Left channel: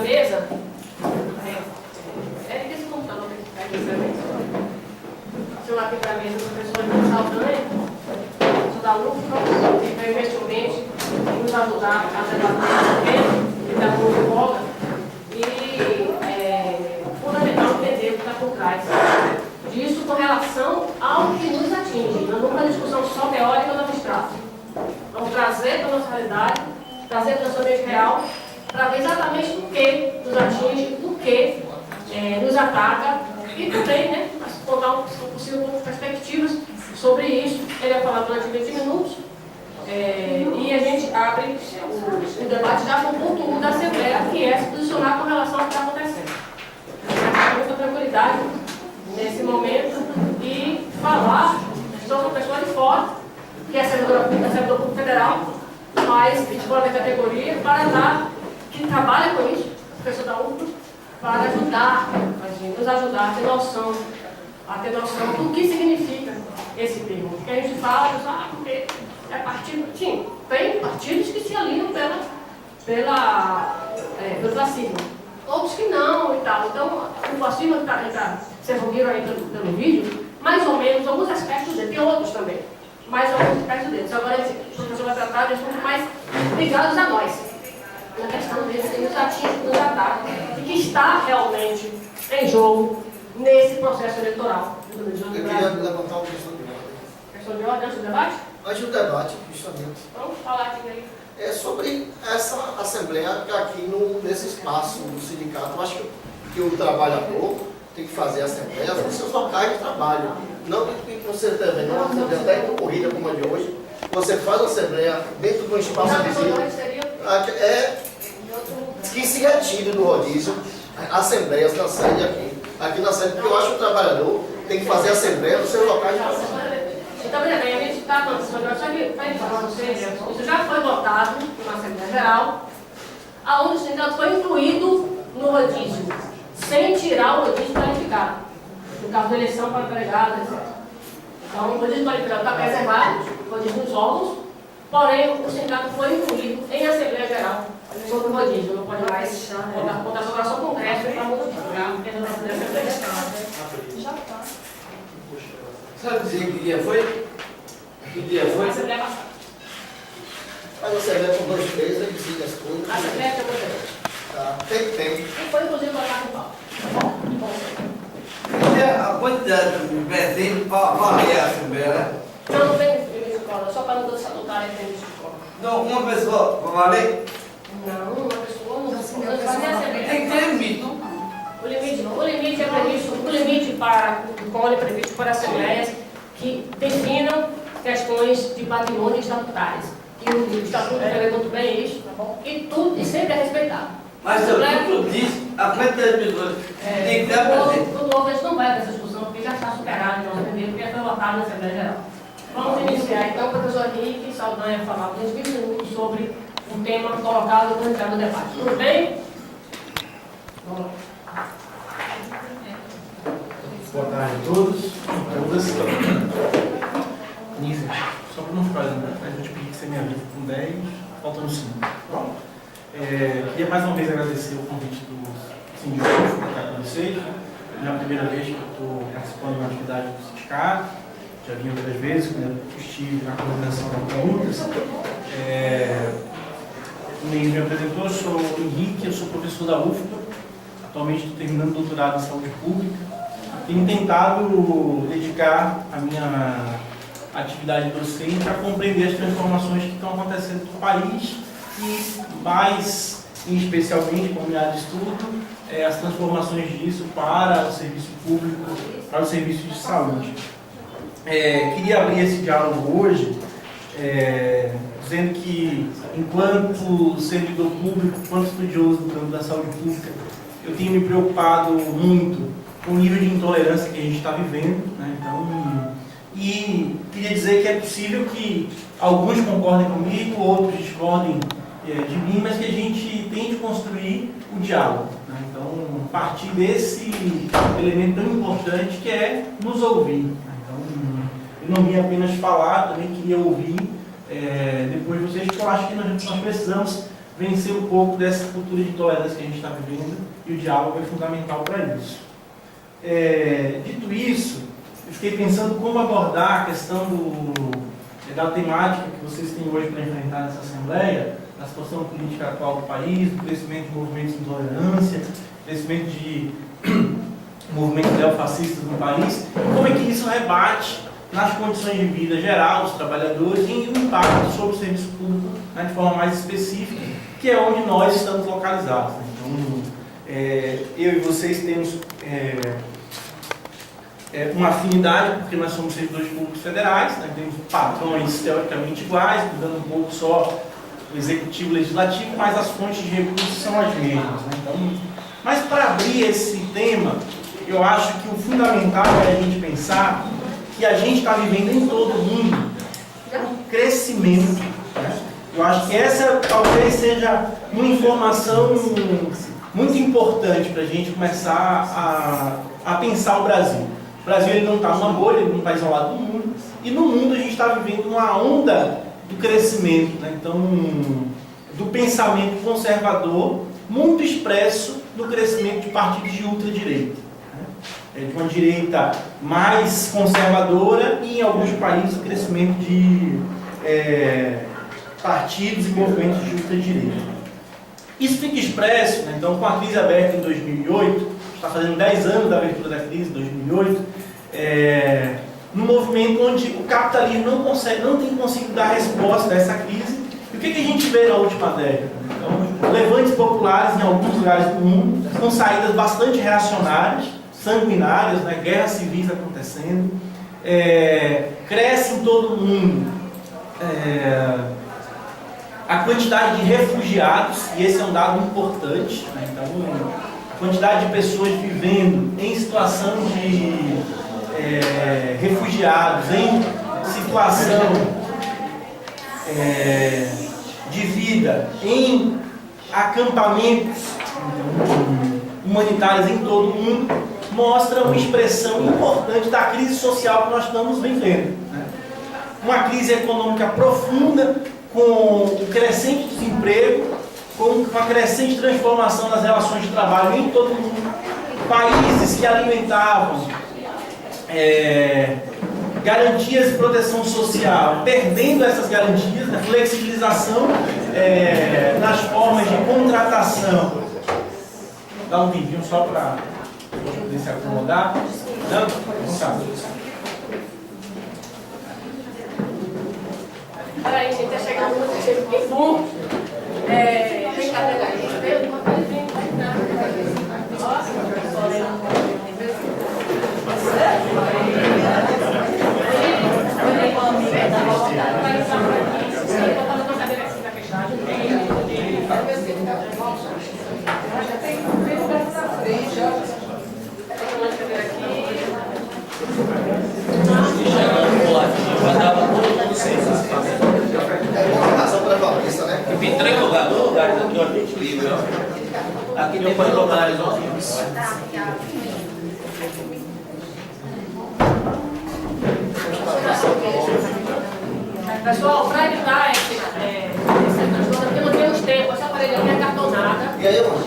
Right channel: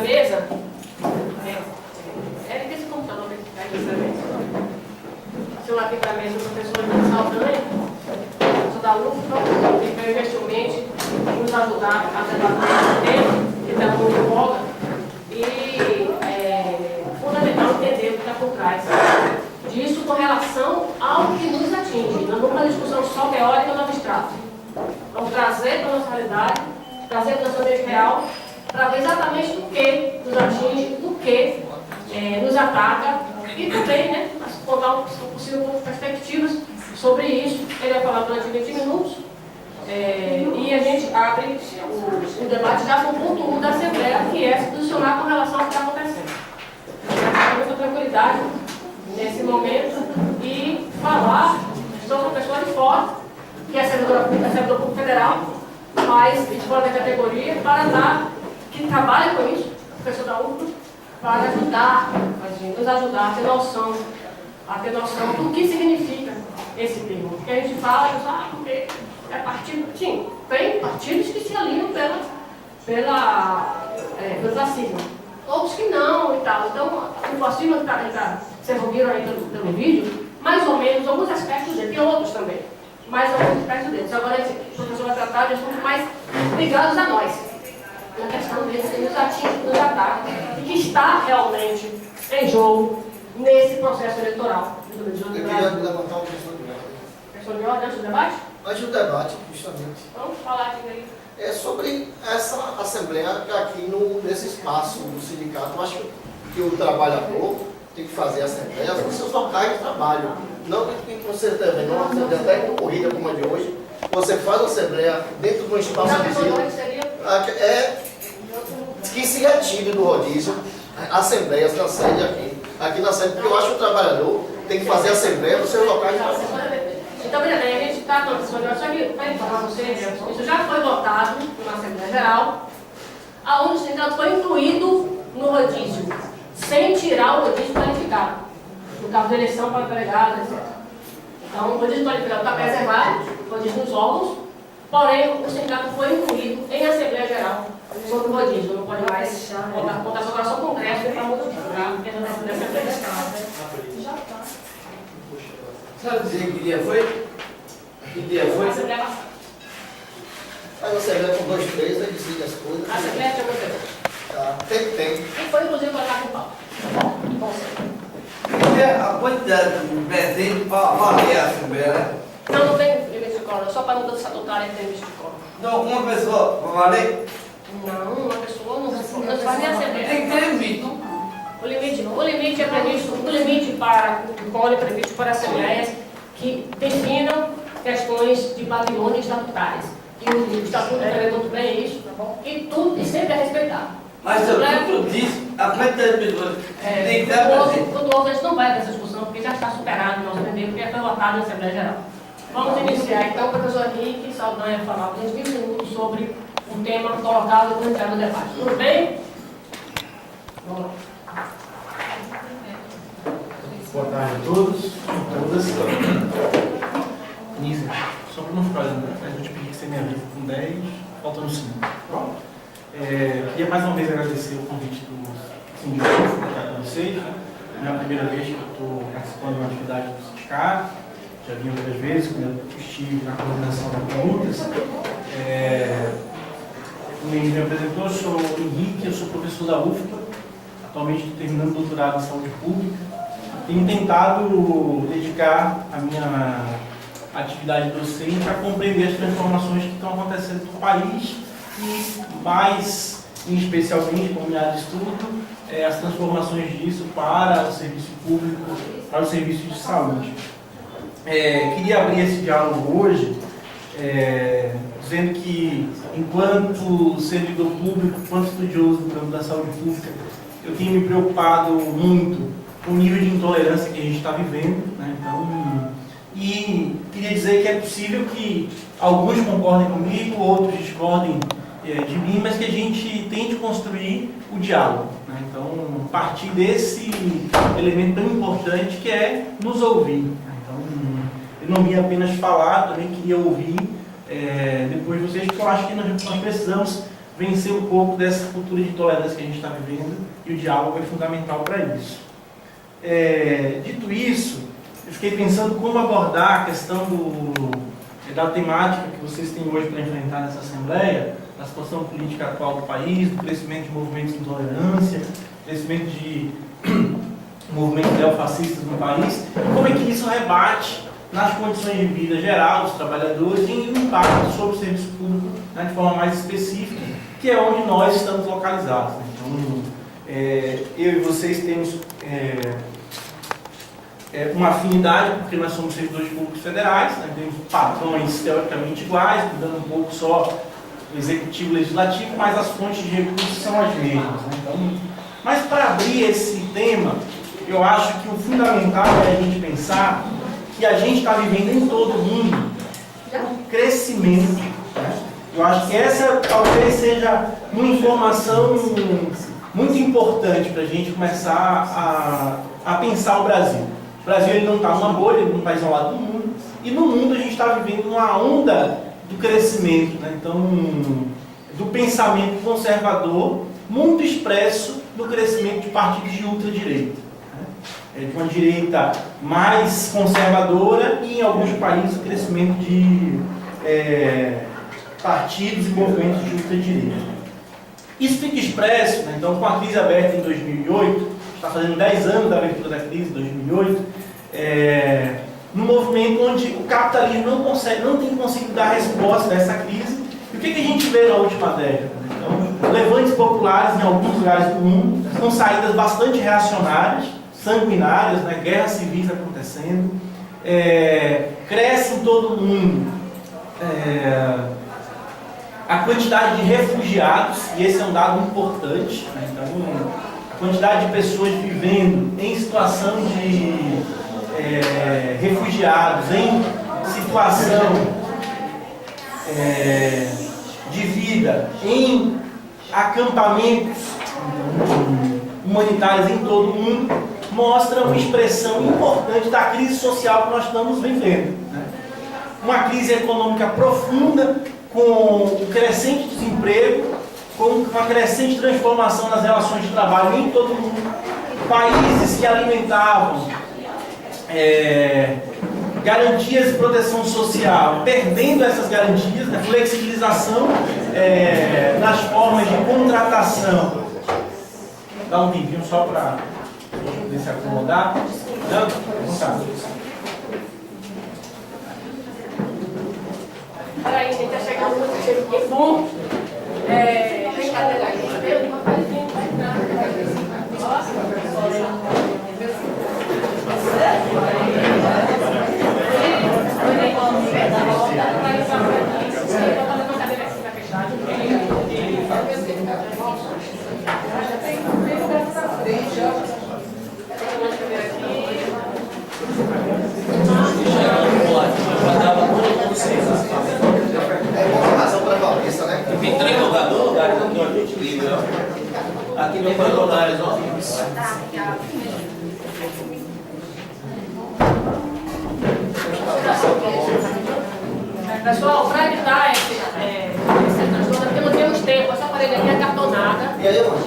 mesa é desse computador que está aqui para mesa. Chamar aqui para a mesa o professor Saldanha, professor da UFPA, que veio gentilmente nos ajudar a debater esse tema, que está muito bola, e fundamental entender o que está por trás disso com relação ao que nos atinge. Não é uma discussão só teórica ou abstrata. Vamos trazer para a nossa realidade, trazer para o nosso ambiente real, para ver exatamente o que nos atinge, o que nos ataca e também, né, contar um possível perspectivas sobre isso. Ele vai falar durante 20 minutos e a gente abre o debate já com o ponto 1 da Assembleia, que é se posicionar com relação ao que está acontecendo. Com muita tranquilidade nesse momento e falar sobre uma pessoa de fora, que é servidor público federal, mas de fora da categoria, que trabalha com isso, professor da UFPA, para ajudar, nos ajudar a ter noção do que significa esse termo. Porque a gente fala, porque é partido. Sim, tem partidos que se alinham pelo fascismo. Outros que não e tal. Então, o fascismo vocês ouviram aí pelo vídeo, mais ou menos, alguns aspectos dele, tem outros também, mas alguns aspectos deles. Agora, o professor vai tratar de assuntos mais ligados a nós. Na questão desse que nos atinge, nos ataca, e que está realmente em jogo nesse processo eleitoral. Eu queria levantar uma questão de ordem. Questão de ordem antes do debate? Antes do debate, justamente. Vamos falar aqui daí. É sobre essa assembleia aqui nesse espaço do sindicato. Eu acho que o trabalhador tem que fazer assembleias nos seus locais de trabalho. Não que você também, numa assembleia até concorrida como a de hoje, você faz a assembleia dentro de um espaço visível. Que se retire do rodízio assembleias na sede aqui na sede, porque eu acho que o trabalhador tem que fazer assembleia nos seus locais de trabalho. Então, veja bem, a gente está falando só que para informar vocês, isso já foi votado na Assembleia Geral, aonde o sindicato foi incluído no rodízio, sem tirar o rodízio qualificado, no caso da eleição para empregados, etc. Então, o rodízio qualificado está preservado, o rodízio nos órgãos, porém, o sindicato foi incluído em Assembleia Geral sobre o rodízio. Não pode mais botar só o Congresso para modificar dentro da Assembleia. Já está. Sabe dizer que dia foi? Que dia foi? A Assembleia passada. Mas a assembleia com 2, 3, aí decide as coisas. A Assembleia que eu votei. Tá, tem. E foi, inclusive, colocar com o pau. Bom, A quantidade de presente para valer a Assembleia, né? não tem limite de cola, só para a mudança estatutária tem limite de cola. Não, uma pessoa para valer? Não, uma pessoa não faz nem Assembleia. Tem que ter limite. O limite é previsto, o limite para o colo é previsto para assembleias que definam questões de patrimônio estatutárias. E o estatuto prevê muito bem isso, tá bom? E sempre é respeitado. Mas o estatuto diz a quantidade de pessoas tem que ter presente. Quando houve, a gente não vai para essa discussão, porque já está superado, nós entendemos, porque já foi votado na Assembleia Geral. Vamos iniciar então, o professor Henrique Saldanha falar por 20 minutos sobre um tema colocado no iniciar do debate. Tudo bem? Vamos lá. Boa tarde a todos e todas. Início, só para não ficar, a gente pedir que você me avise com 10, faltando 5. Bom, queria mais uma vez agradecer o convite do sindicato para estar com vocês. É a primeira vez que eu estou participando de uma atividade do sindicato. Já vim outras vezes, quando eu estive na coordenação da Contas. Como ele me apresentou, eu sou o Henrique, eu sou professor da UFPA. Atualmente estou terminando doutorado em saúde pública. Tenho tentado dedicar a minha atividade docente a compreender as transformações que estão acontecendo no país e, mais especialmente, como minha área de estudo, as transformações disso para o serviço público, para o serviço de saúde. Queria abrir esse diálogo hoje dizendo que, enquanto servidor público, enquanto estudioso do campo da saúde pública, eu tenho me preocupado muito com o nível de intolerância que a gente está vivendo, né? Então, e queria dizer que é possível que alguns concordem comigo, outros discordem de mim, mas que a gente tente construir o diálogo, né? Então, partir desse elemento tão importante que é nos ouvir, né? Então, eu não vim apenas falar, também queria ouvir depois de vocês, porque eu acho que nós precisamos vencer um pouco dessa cultura de intolerância que a gente está vivendo, e o diálogo é fundamental para isso. Dito isso, eu fiquei pensando como abordar a questão da temática que vocês têm hoje para enfrentar nessa Assembleia, da situação política atual do país, do crescimento de movimentos de intolerância, crescimento de movimentos neofascistas no país, e como é que isso rebate nas condições de vida geral dos trabalhadores e o impacto sobre o serviço público, né, de forma mais específica, que é onde nós estamos localizados. Né? Então, eu e vocês temos uma afinidade, porque nós somos servidores públicos federais, né? Temos padrões teoricamente iguais, mudando um pouco só o executivo e o legislativo, mas as fontes de recursos são as mesmas. Né? Então, mas para abrir esse tema, eu acho que o fundamental é a gente pensar que a gente está vivendo em todo o mundo um crescimento. Né? Eu acho que essa talvez seja uma informação muito importante para a gente começar a pensar o Brasil. O Brasil ele não está numa bolha, ele não está isolado do mundo, e no mundo a gente está vivendo uma onda do crescimento, né? Então, do pensamento conservador, muito expresso no crescimento de partidos de ultradireita. Né? De uma direita mais conservadora e, em alguns países, o crescimento de partidos e movimentos de ultradireita. Isso fica expresso, né? Então, com a crise aberta em 2008, está fazendo 10 anos da abertura da crise, 2008, num movimento onde o capitalismo não tem conseguido dar resposta a essa crise. E o que a gente vê na última década? Então, levantes populares em alguns lugares do mundo, com saídas bastante reacionárias, sanguinárias, né? Guerras civis acontecendo, cresce em todo o mundo a quantidade de refugiados, e esse é um dado importante, né? Então, a quantidade de pessoas vivendo em situação de refugiados, em situação de vida, em acampamentos humanitários em todo o mundo, mostra uma expressão importante da crise social que nós estamos vivendo. Né? Uma crise econômica profunda, com o crescente desemprego, com uma crescente transformação das relações de trabalho em todo o mundo. Países que alimentavam garantias de proteção social, perdendo essas garantias, né? Flexibilização nas formas de contratação. Dá um tempinho só para poder se acomodar. Não? Não tá. Peraí, gente, está chegando muito tempo. Tem cadeira aí. Aqui não pode botar eles ó. Pessoal, para evitar esse transtorno, porque não temos tempo, essa parede aqui é cartonada. E aí, mano?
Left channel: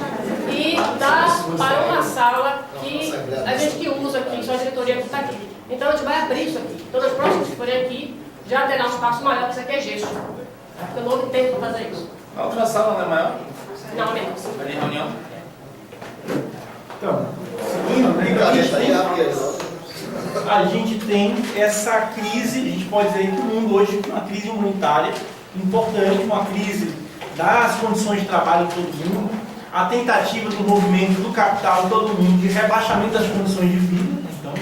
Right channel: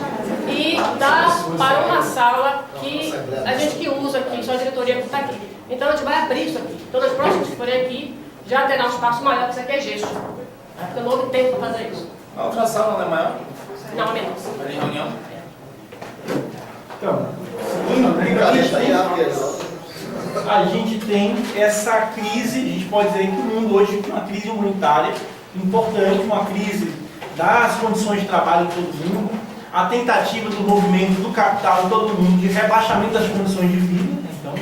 E dá para uma sala que a gente que usa aqui, só a diretoria que está aqui. Então a gente vai abrir isso aqui. Então nas próximas que forem aqui, já terá um espaço maior, porque isso aqui é gesso. Porque não houve tempo para fazer isso. A outra sala não é maior? Não, é menos. É de reunião? Então, seguindo, a gente tem essa crise, a gente pode dizer que o mundo hoje tem uma crise humanitária importante, uma crise das condições de trabalho em todo mundo, a tentativa do movimento do capital em todo mundo de rebaixamento das condições de vida. Então,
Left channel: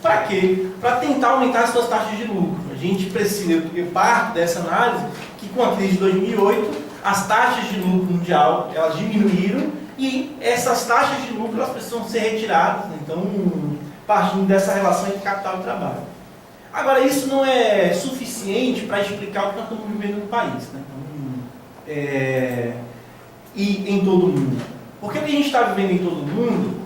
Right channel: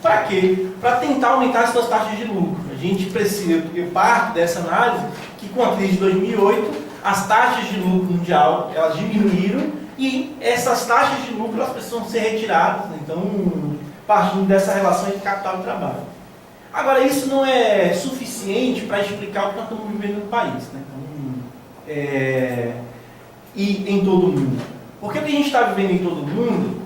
para quê? Para tentar aumentar as suas taxas de lucro. A gente precisa, eu parto dessa análise, que com a crise de 2008, as taxas de lucro mundial, elas diminuíram e essas taxas de lucro, elas precisam ser retiradas. Né? Então, partindo dessa relação entre capital e trabalho. Agora, isso não é suficiente para explicar o que nós estamos vivendo no país. Né? Então, e em todo o mundo. Porque o que a gente está vivendo em todo o mundo,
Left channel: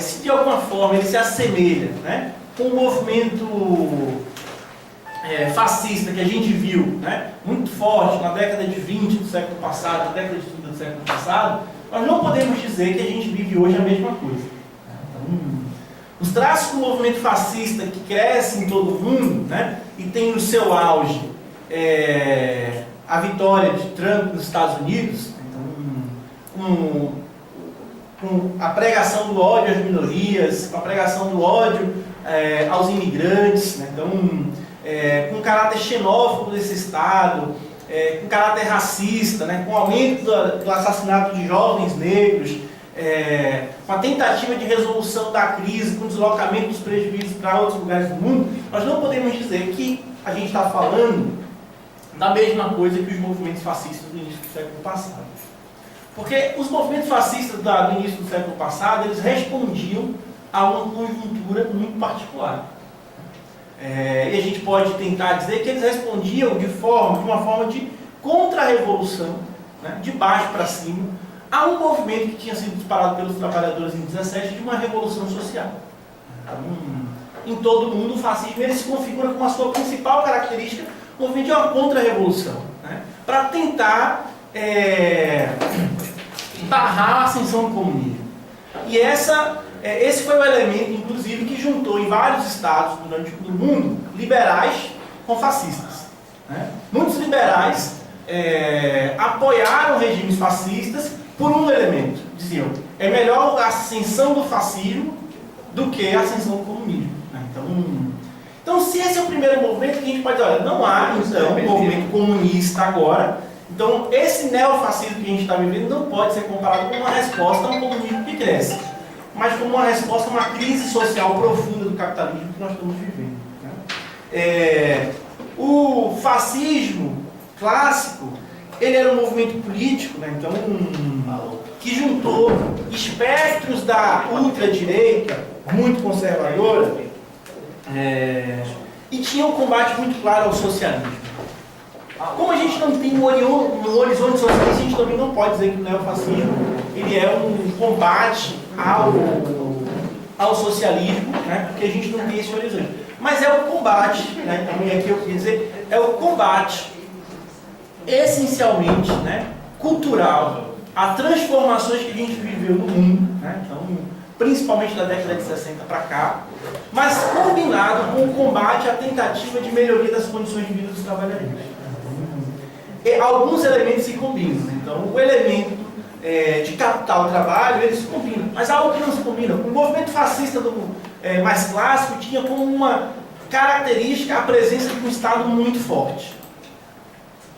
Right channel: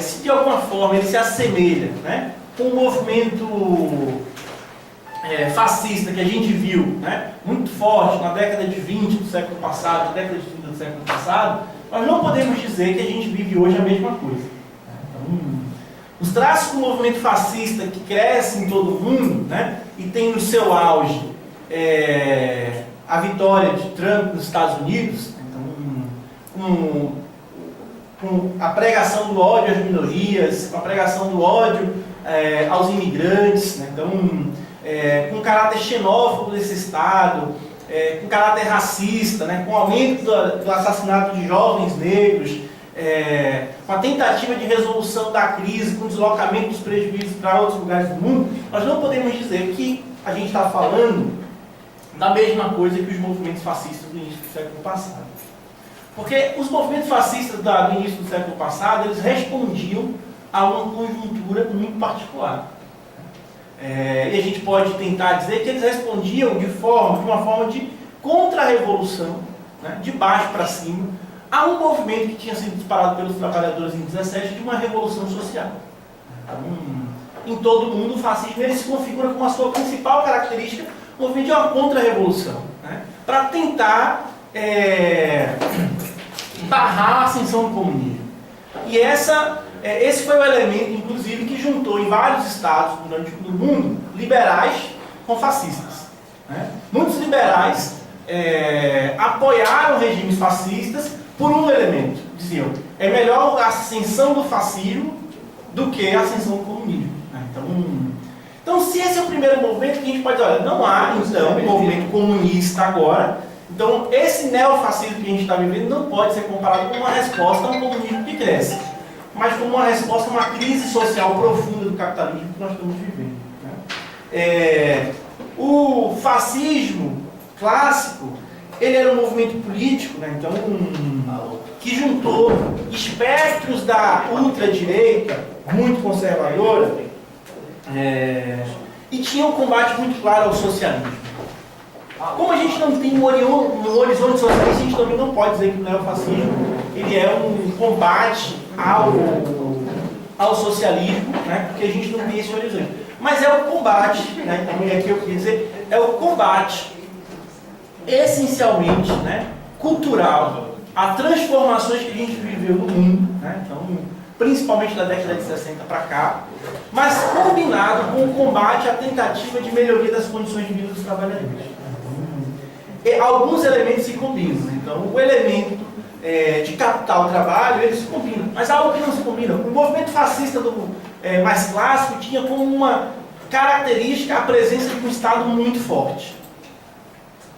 se de alguma forma ele se assemelha, né, com o movimento fascista que a gente viu, né, muito forte na década de 20 do século passado, na década de 30 do século passado, nós não podemos dizer que a gente vive hoje a mesma coisa. Então, os traços do movimento fascista que cresce em todo o mundo, né, e tem no seu auge a vitória de Trump nos Estados Unidos, então, com a pregação do ódio às minorias, com a pregação do ódio aos imigrantes, né, então, com caráter xenófobo desse Estado, com caráter racista, né, com o aumento do assassinato de jovens negros, com a tentativa de resolução da crise, com o deslocamento dos prejuízos para outros lugares do mundo, nós não podemos dizer que a gente está falando da mesma coisa que os movimentos fascistas do início do século passado. Porque os movimentos fascistas do início do século passado, eles respondiam a uma conjuntura muito particular. E a gente pode tentar dizer que eles respondiam de uma forma de contra-revolução, né, de baixo para cima, a um movimento que tinha sido disparado pelos trabalhadores em 17 de uma revolução social. Em todo o mundo, o fascismo ele se configura como a sua principal característica, o movimento de uma contra-revolução, né, para tentar barrar a ascensão do comunismo. E esse foi o elemento, inclusive, que juntou em vários estados do mundo liberais com fascistas, né? Muitos liberais apoiaram regimes fascistas por um elemento. Diziam, é melhor a ascensão do fascismo do que a ascensão do comunismo, né? Então, se esse é o primeiro movimento, que a gente pode dizer, olha, não há, então, um movimento comunista agora. Então, esse neofascismo que a gente está vivendo não pode ser comparado com uma resposta a um comunismo que cresce, mas como uma resposta a uma crise social profunda do capitalismo que nós estamos vivendo, né? O fascismo clássico, ele era um movimento político, né? Então, que juntou espectros da ultradireita, muito conservadora, e tinha um combate muito claro ao socialismo. Como a gente não tem um horizonte socialista, a gente também não pode dizer que o neofascismo ele é um combate ao socialismo, né? Porque a gente não tem esse horizonte. Mas é o combate, né? Então, e aqui eu queria dizer, é o combate essencialmente, né, cultural a transformações que a gente viveu no mundo, né? Então, principalmente da década de 60 para cá, mas combinado com o combate à tentativa de melhoria das condições de vida dos trabalhadores. Alguns elementos se combinam, né? Então, o elemento de capital trabalho, eles se combinam, mas há algo que não se combina. O movimento fascista mais clássico tinha como uma característica a presença de um Estado muito forte.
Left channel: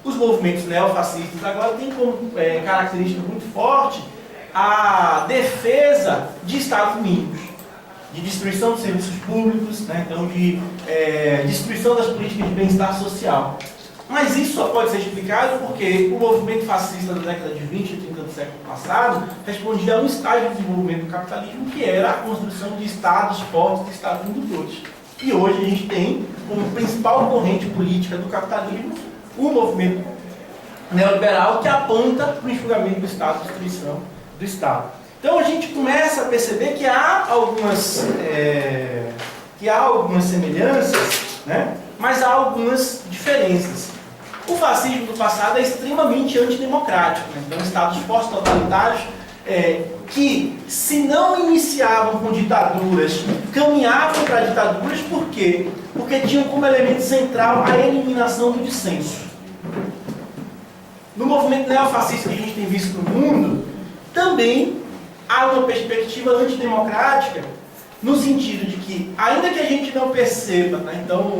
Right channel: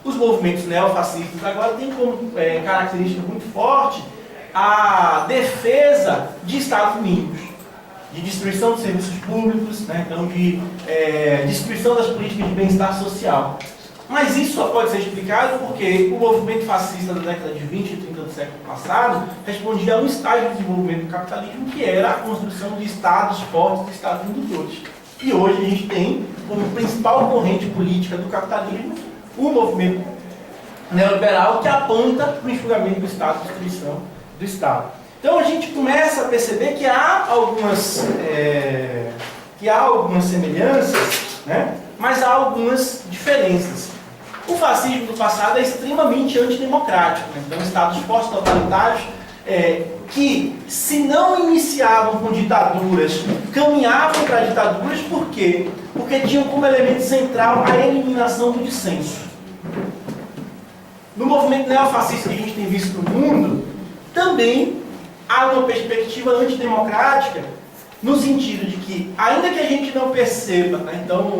Os movimentos neofascistas agora têm como característica muito forte a defesa de Estados mínimos, de destruição dos serviços públicos, né? Então, de destruição das políticas de bem-estar social. Mas isso só pode ser explicado porque o movimento fascista da década de 20 e 30 do século passado respondia a um estágio de desenvolvimento do capitalismo que era a construção de estados fortes, de estados indutores. E hoje a gente tem como principal corrente política do capitalismo o movimento neoliberal que aponta para o enxugamento do Estado, a destruição do Estado. Então a gente começa a perceber que há algumas semelhanças, né? Mas há algumas diferenças. O fascismo do passado é extremamente antidemocrático, né? Então, estados fortes totalitários que, se não iniciavam com ditaduras, caminhavam para ditaduras, por quê? Porque tinham como elemento central a eliminação do dissenso. No movimento neofascista que a gente tem visto no mundo, também há uma perspectiva antidemocrática, no sentido de que, ainda que a gente não perceba, né, então,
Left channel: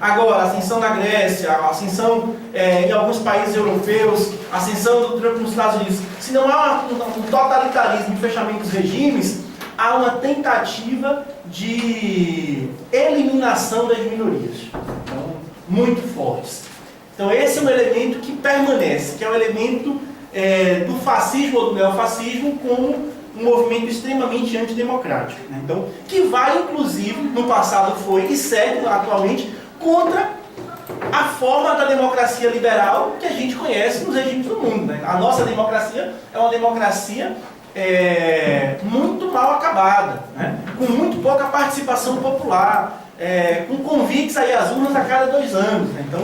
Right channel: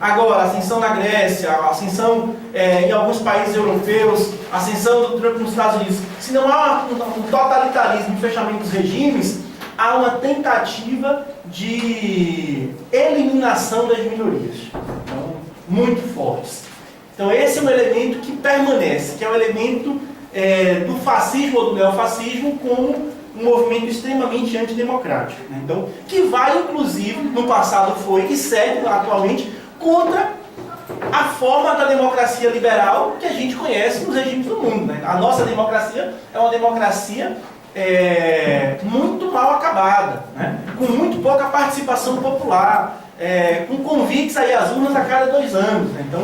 agora, a ascensão na Grécia, a ascensão em alguns países europeus, a ascensão do Trump nos Estados Unidos, se não há um totalitarismo de fechamento dos regimes, há uma tentativa de eliminação das minorias, então, muito fortes. Então, esse é um elemento que permanece, que é o elemento do fascismo ou do neofascismo como um movimento extremamente antidemocrático, né? Então, que vai, inclusive, no passado foi e segue atualmente contra a forma da democracia liberal que a gente conhece nos regimes do mundo, né? A nossa democracia é uma democracia muito mal acabada, né? Com muito pouca participação popular, com convites aí às urnas a cada 2 anos. Né? Então,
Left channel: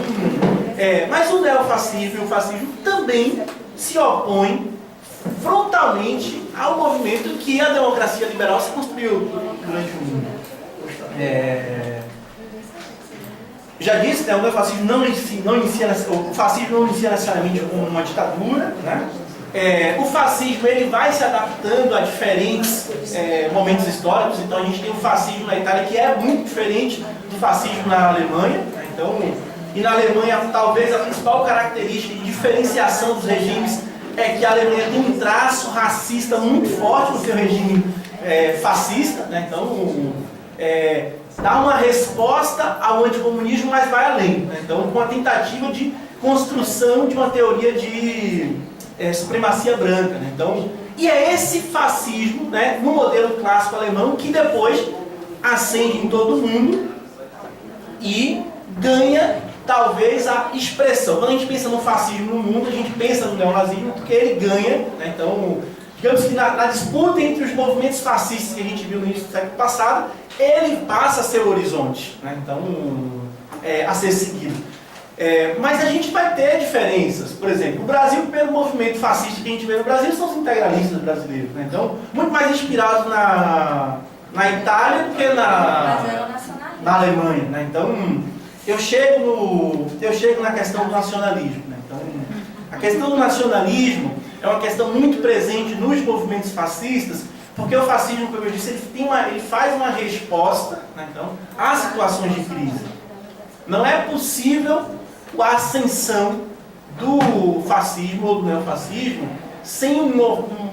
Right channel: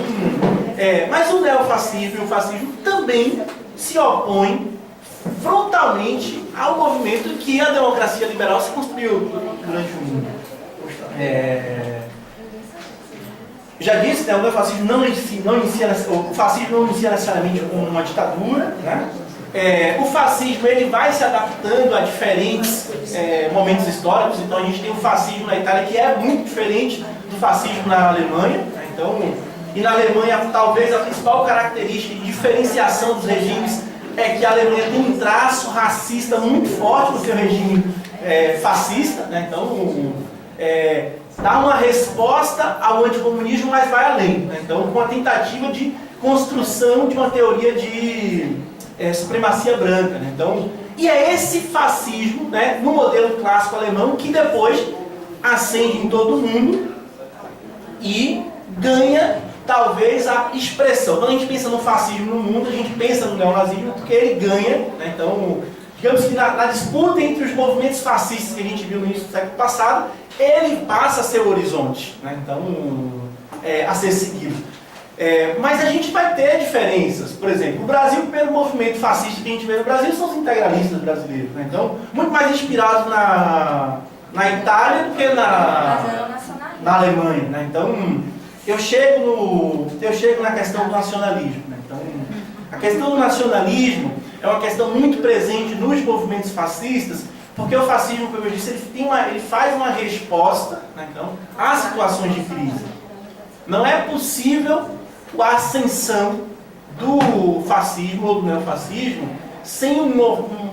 mas o neofascismo e o fascismo também se opõem frontalmente ao movimento que a democracia liberal se construiu durante o mundo. Já disse, né, o neofascismo o fascismo não inicia necessariamente como uma ditadura, né? O fascismo ele vai se adaptando a diferentes momentos históricos. Então a gente tem o fascismo na Itália que é muito diferente do fascismo na Alemanha, né? Então, e na Alemanha talvez a principal característica de diferenciação dos regimes é que a Alemanha tem um traço racista muito forte no seu regime fascista, né? Então dá uma resposta ao anticomunismo, mas vai além, né? Então com a tentativa de construção de uma teoria de supremacia branca, né? Então, e é esse fascismo, né, no modelo clássico alemão que depois ascende em todo o mundo e ganha talvez a expressão. Quando a gente pensa no fascismo no mundo, a gente pensa no neonazismo porque ele ganha, né? Então, digamos que na disputa entre os movimentos fascistas que a gente viu no início do século passado, ele passa a ser o horizonte, né? Então, a ser seguido. Mas a gente vai ter diferenças. Por exemplo, o Brasil, o primeiro movimento fascista que a gente vê no Brasil são os integralistas brasileiros, né? Então, muito mais inspirados na Itália do que na Alemanha, né? Então, eu chego na questão do nacionalismo, né? Então, a questão do nacionalismo é uma questão muito presente nos movimentos fascistas, porque o fascismo, como eu disse, ele faz uma resposta, né, então, a situações de crise. Não é possível a ascensão do fascismo ou do neofascismo sem um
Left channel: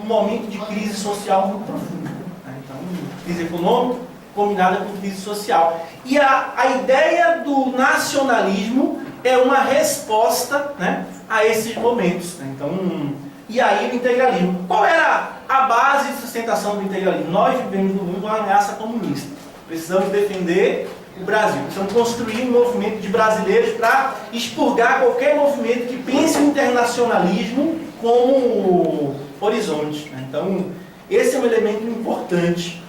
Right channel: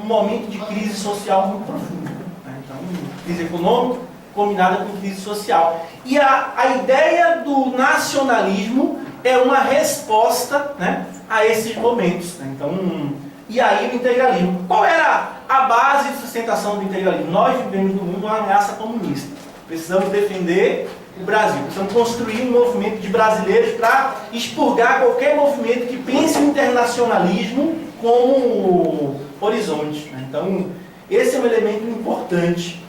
momento de crise social muito profunda, né? Então, crise econômica combinada com crise social. E a ideia do nacionalismo é uma resposta, né, a esses momentos, né? Então, e aí o integralismo. Qual era a base de sustentação do integralismo? Nós vivemos no mundo uma ameaça comunista. Precisamos defender o Brasil. Precisamos construir um movimento de brasileiros para expurgar qualquer movimento que pense o internacionalismo como horizonte, né? Então, esse é um elemento importante.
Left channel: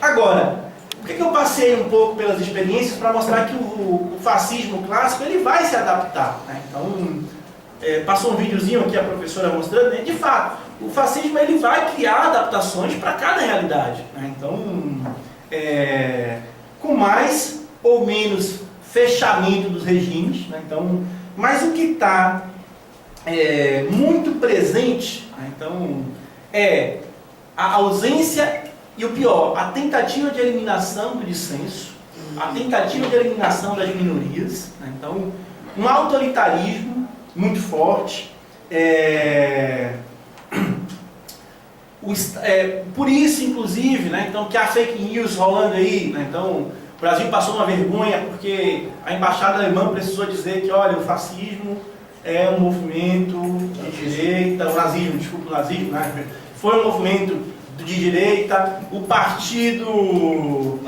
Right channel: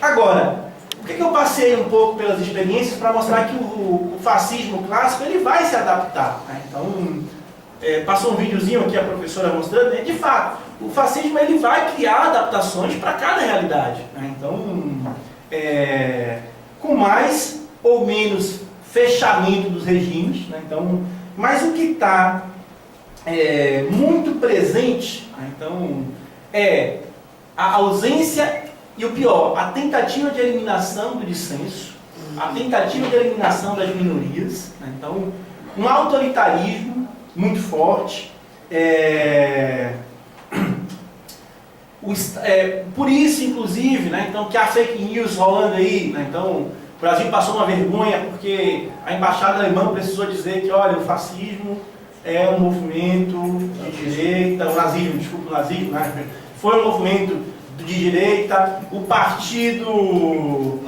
Agora, por que eu passei um pouco pelas experiências para mostrar que o fascismo clássico ele vai se adaptar, né? Então, passou um videozinho aqui a professora mostrando, né? De fato, o fascismo ele vai criar adaptações para cada realidade, né? Então, com mais ou menos fechamento dos regimes, né? Então, mas o que está muito presente, né? Então, é a ausência e o pior, a tentativa de eliminação do dissenso, a tentativa de eliminação das minorias, né? Então, um autoritarismo muito forte. Por isso, inclusive, né, então, que há fake news rolando aí, né? Então, o Brasil passou uma vergonha porque a embaixada alemã precisou dizer que, olha, o fascismo é um movimento de direita, o nazismo, né? Foi um movimento de direita, o Partido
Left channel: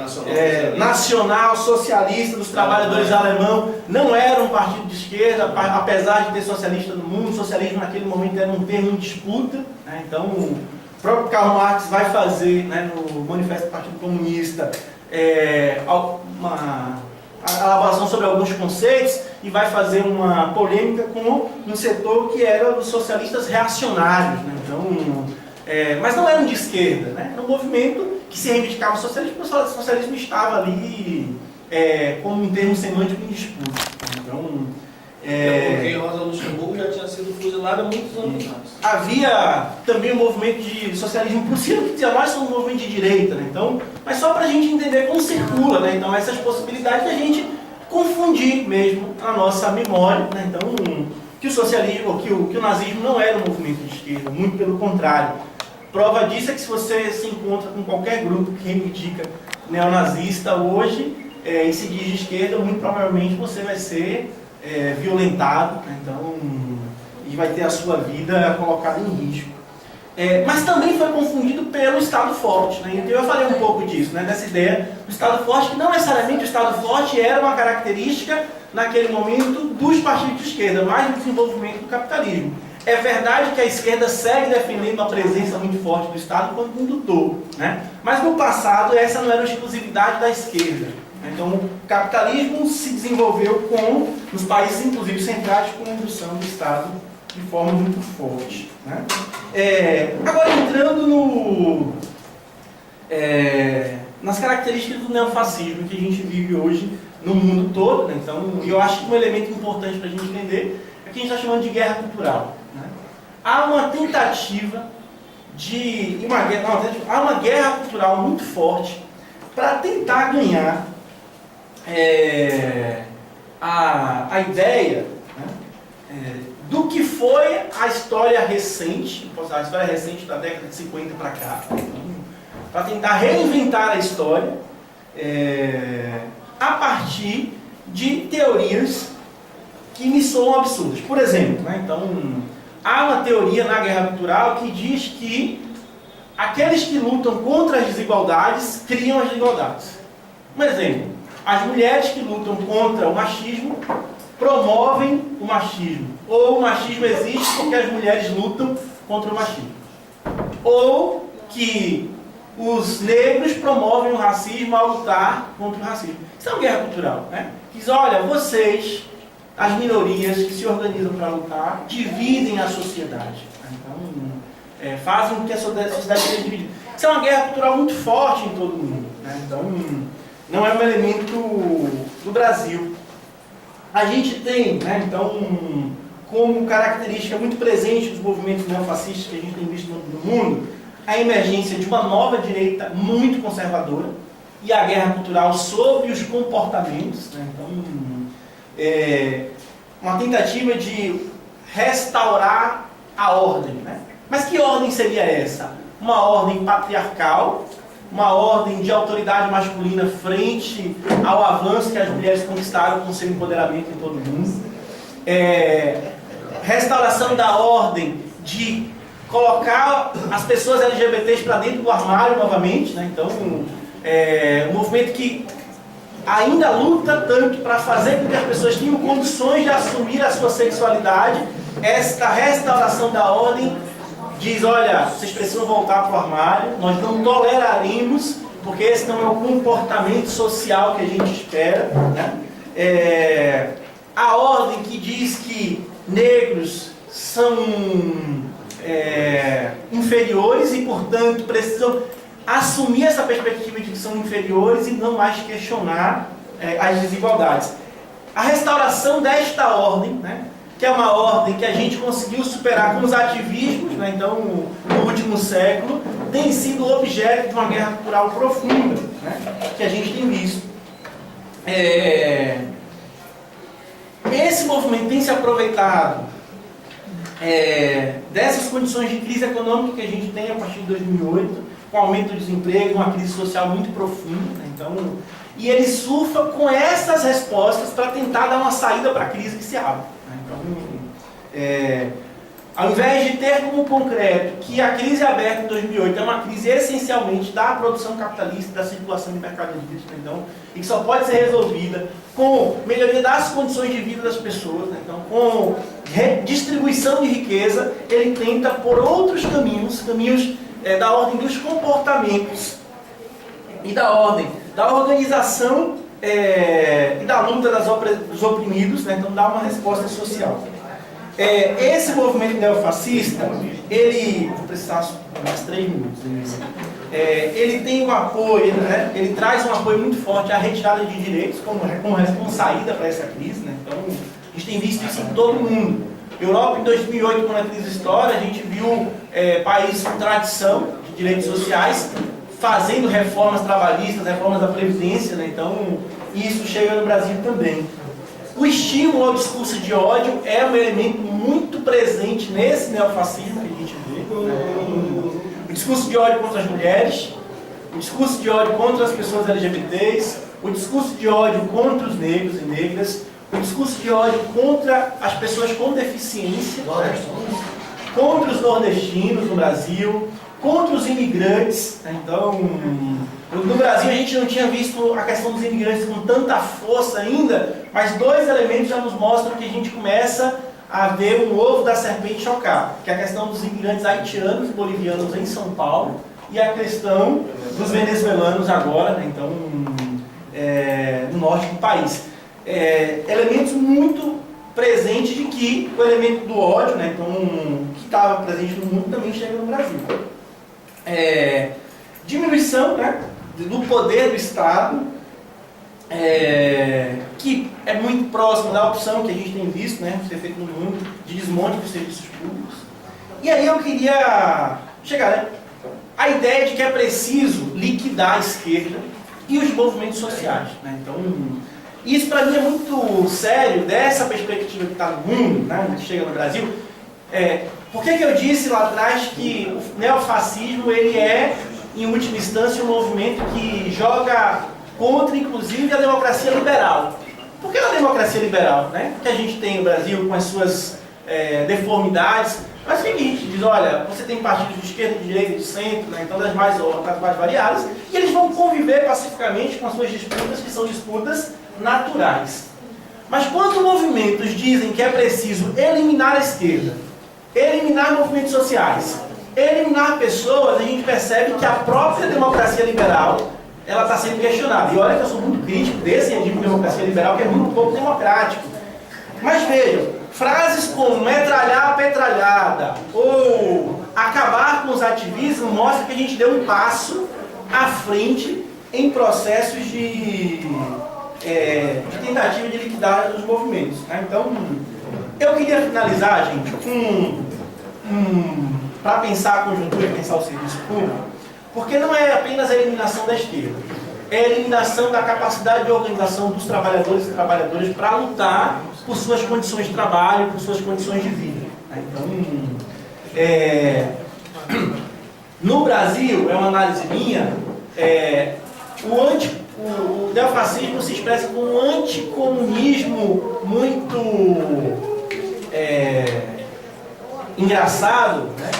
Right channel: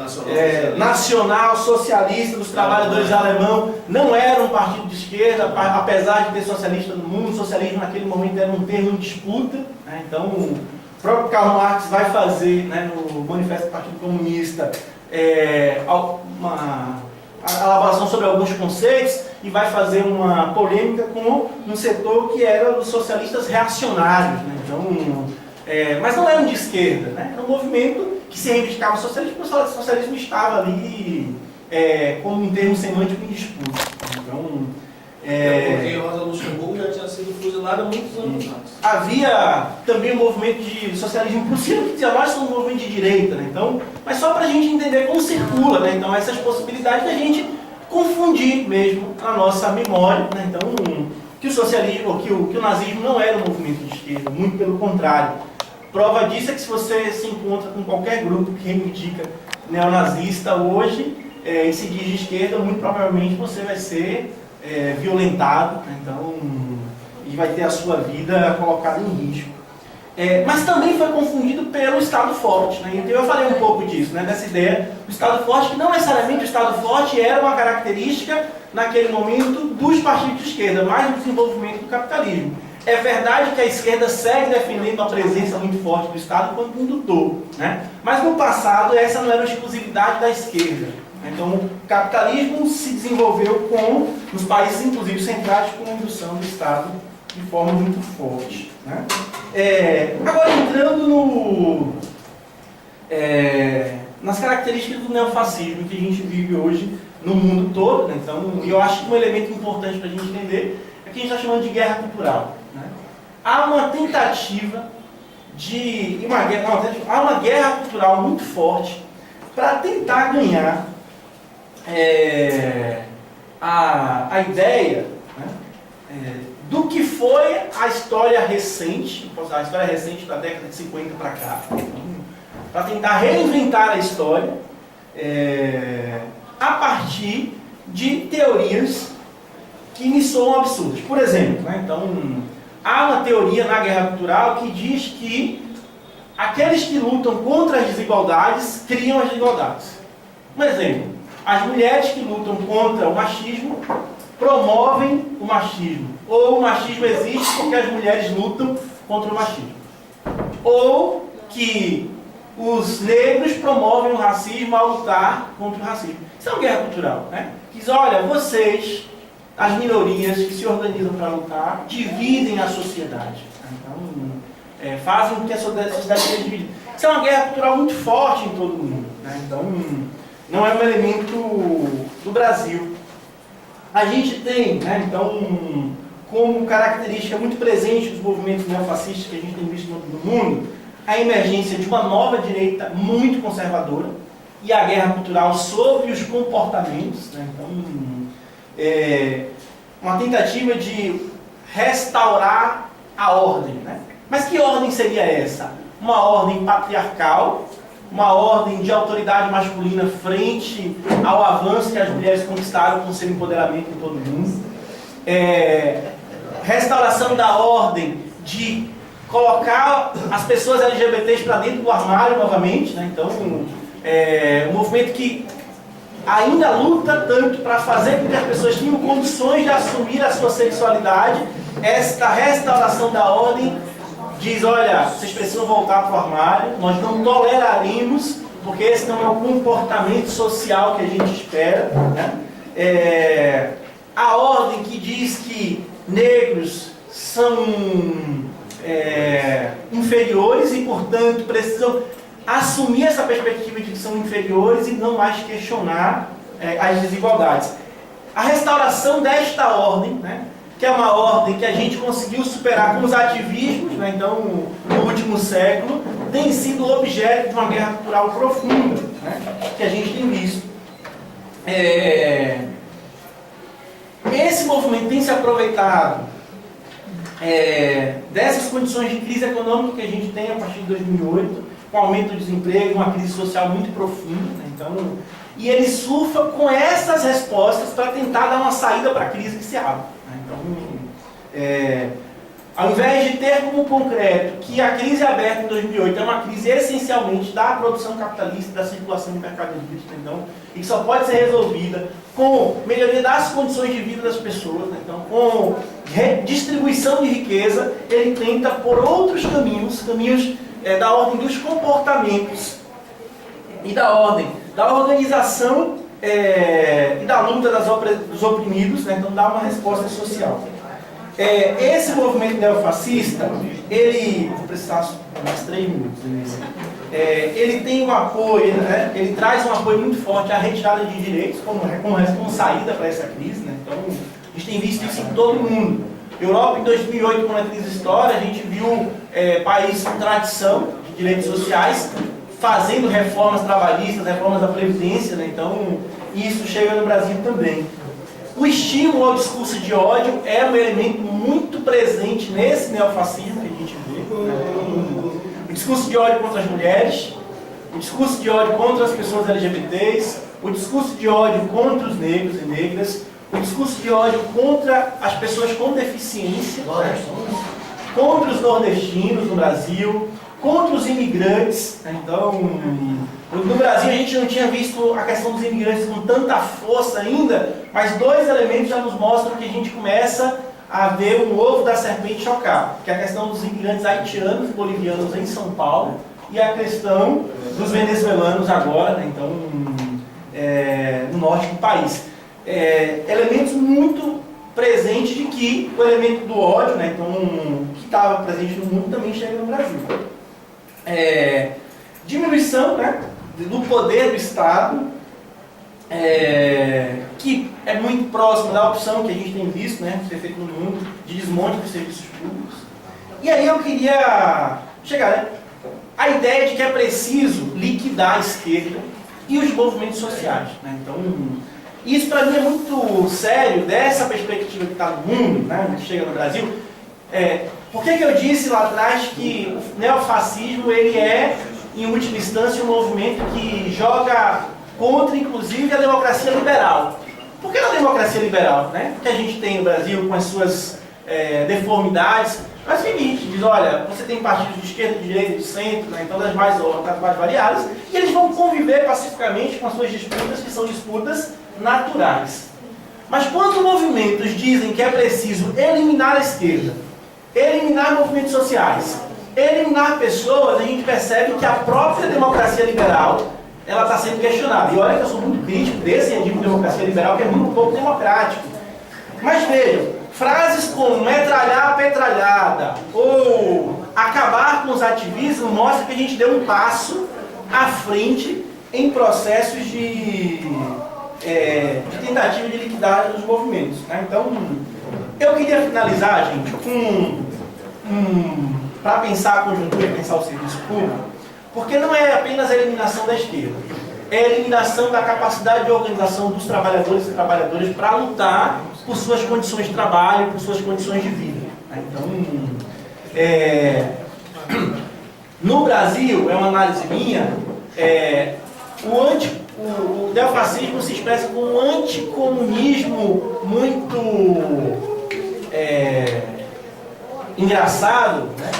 Nacional Socialista dos Trabalhadores Alemão não era um partido de esquerda, apesar de ter socialista no mundo. O socialismo naquele momento era um termo em disputa, né? Então, o próprio Karl Marx vai fazer, né, no Manifesto do Partido Comunista uma elaboração sobre alguns conceitos e vai fazer uma polêmica com um setor que era os socialistas reacionários, né? Então, mas não era um de esquerda, né? Era um movimento que se reivindicava socialismo, porque o socialismo estava ali como um termo semântico em disputa. Então, porque Rosa Luxemburgo já tinha sido fuzilada há muitos anos antes. Havia também um movimento de socialismo prussiano que dizia, nós somos um movimento de direita, né? Então, mas só para a gente entender como circula, né? Então, essas possibilidades da gente confundir mesmo a nossa memória, né? Então, que o socialismo, que o nazismo não era um movimento de esquerda, muito pelo contrário. Prova disso é que se você se encontra com qualquer grupo que reivindica neonazista hoje e se diz de esquerda, muito provavelmente você vai ser violentado, né? Então, e vai ter a sua vida colocada em risco. Mas também foi confundido pelo Estado forte, né? Então eu falei um pouco disso, né? Dessa ideia do Estado forte, que não necessariamente o Estado forte era uma característica naquele momento dos partidos de esquerda, mais do desenvolvimento do capitalismo. É verdade que a esquerda segue defendendo uma presença muito forte do Estado quando indutor, né? Mas no passado essa não era uma exclusividade da esquerda. Então o capitalismo se desenvolveu nos países inclusive centrais com a indução do Estado de forma muito forte, né? Agora entrando nas características do neofascismo que a gente vive hoje no mundo todo, né? Então eu acho que um elemento importante para a gente entender é que a gente está chamando de guerra cultural, né? Há uma tentativa há uma guerra cultural muito forte para tentar ganhar a ideia, né, do que foi a história recente, a história recente da década de 50 para cá, para tentar reinventar a história a partir de teorias que me soam absurdas. Por exemplo, né, então, há uma teoria na guerra cultural que diz que aqueles que lutam contra as desigualdades criam as desigualdades. Um exemplo, as mulheres que lutam contra o machismo promovem o machismo. Ou o machismo existe porque as mulheres lutam contra o machismo. Ou que os negros promovem o racismo ao lutar contra o racismo. Isso é uma guerra cultural, né? Diz, olha, vocês, as minorias que se organizam para lutar, dividem a sociedade. Então, fazem com que a sociedade seja dividida. Isso é uma guerra cultural muito forte em todo o mundo, né? Então, não é um elemento do Brasil. A gente tem, né, então, como característica muito presente dos movimentos neofascistas que a gente tem visto no mundo, a emergência de uma nova direita muito conservadora e a guerra cultural sobre os comportamentos, né? Então, uma tentativa de restaurar a ordem, né? Mas que ordem seria essa? Uma ordem patriarcal, uma ordem de autoridade masculina frente ao avanço que as mulheres conquistaram com seu empoderamento em todo o mundo. Restauração da ordem de colocar as pessoas LGBTs para dentro do armário novamente, né? Então, um movimento que ainda luta tanto para fazer com que as pessoas tenham condições de assumir a sua sexualidade. Esta restauração da ordem diz, olha, vocês precisam voltar para o armário, nós não toleraremos, porque esse não é o comportamento social que a gente espera, né? A ordem que diz que negros são inferiores e, portanto, precisam assumir essa perspectiva de que são inferiores e não mais questionar as desigualdades. A restauração desta ordem, né, que é uma ordem que a gente conseguiu superar com os ativismos, né, então, no último século, tem sido objeto de uma guerra cultural profunda, né, que a gente tem visto. Esse movimento tem se aproveitado dessas condições de crise econômica que a gente tem a partir de 2008, com aumento do desemprego, uma crise social muito profunda, né? Então, e ele surfa com essas respostas para tentar dar uma saída para a crise que se abre, né? Então, ao invés de ter como concreto que a crise aberta em 2008 é uma crise essencialmente da produção capitalista, da circulação de mercadorias, né? Então, e que só pode ser resolvida com melhoria das condições de vida das pessoas, né? Então, com redistribuição de riqueza, ele tenta por outros caminhos da ordem dos comportamentos e da ordem da organização e da luta dos oprimidos, né? Então dá uma resposta social. Esse movimento neofascista, ele, vou precisar mais 3 minutos, ele tem um apoio, né? Ele traz um apoio muito forte à retirada de direitos como saída para essa crise, né? Então a gente tem visto isso em todo o mundo. Europa, em 2008, quando a crise estoura, a gente viu países com tradição de direitos sociais fazendo reformas trabalhistas, reformas da Previdência, né? Então, isso chega no Brasil também. O estímulo ao discurso de ódio é um elemento muito presente nesse neofascismo que a gente vê, né? O discurso de ódio contra as mulheres, o discurso de ódio contra as pessoas LGBTs, o discurso de ódio contra os negros e negras, o discurso de ódio contra as pessoas com deficiência, né? Contra os nordestinos no Brasil, contra os imigrantes. Então, no Brasil a gente não tinha visto a questão dos imigrantes com tanta força ainda, mas 2 elementos já nos mostram que a gente começa haver um ovo da serpente chocar, que é a questão dos imigrantes haitianos e bolivianos em São Paulo e a questão dos venezuelanos agora, né, então, no norte do país. Elementos muito presentes de que o elemento do ódio, né, então, que estava presente no mundo, também chega no Brasil. Diminuição, né, do poder do Estado, que é muito próximo da opção que a gente tem visto, né, ser feito no mundo, de desmonte dos serviços públicos. E aí eu queria chegar, né, a ideia de que é preciso liquidar a esquerda e os movimentos sociais, né? Então, isso para mim é muito sério, dessa perspectiva que está no mundo, né, que chega no Brasil. Por que eu disse lá atrás que o neofascismo ele é, em última instância, um movimento que joga contra, inclusive, a democracia liberal? Por que a democracia liberal, né? Que a gente tem no Brasil com as suas deformidades? Mas é o seguinte, diz, olha, você tem partidos de esquerda, de direita, de centro, né, então das mais variadas, e eles vão conviver pacificamente com as suas disputas, que são disputas naturais. Mas quando movimentos dizem que é preciso eliminar a esquerda, eliminar movimentos sociais, eliminar pessoas, a gente percebe que a própria democracia liberal ela está sendo questionada. E olha que eu sou muito crítico desse regime de democracia liberal, que é muito pouco democrático. Mas vejam, frases como metralhar a petralhada ou acabar com os ativismos mostram que a gente deu um passo à frente em processos de tentativa de liquidar os movimentos, né? Então, eu queria finalizar, gente, para pensar a conjuntura e pensar o serviço público, porque não é apenas a eliminação da esquerda, é a eliminação da capacidade de organização dos trabalhadores e trabalhadoras para lutar por suas condições de trabalho, por suas condições de vida. Então, no Brasil, é uma análise minha, o neofascismo se expressa como um anticomunismo muito engraçado, né?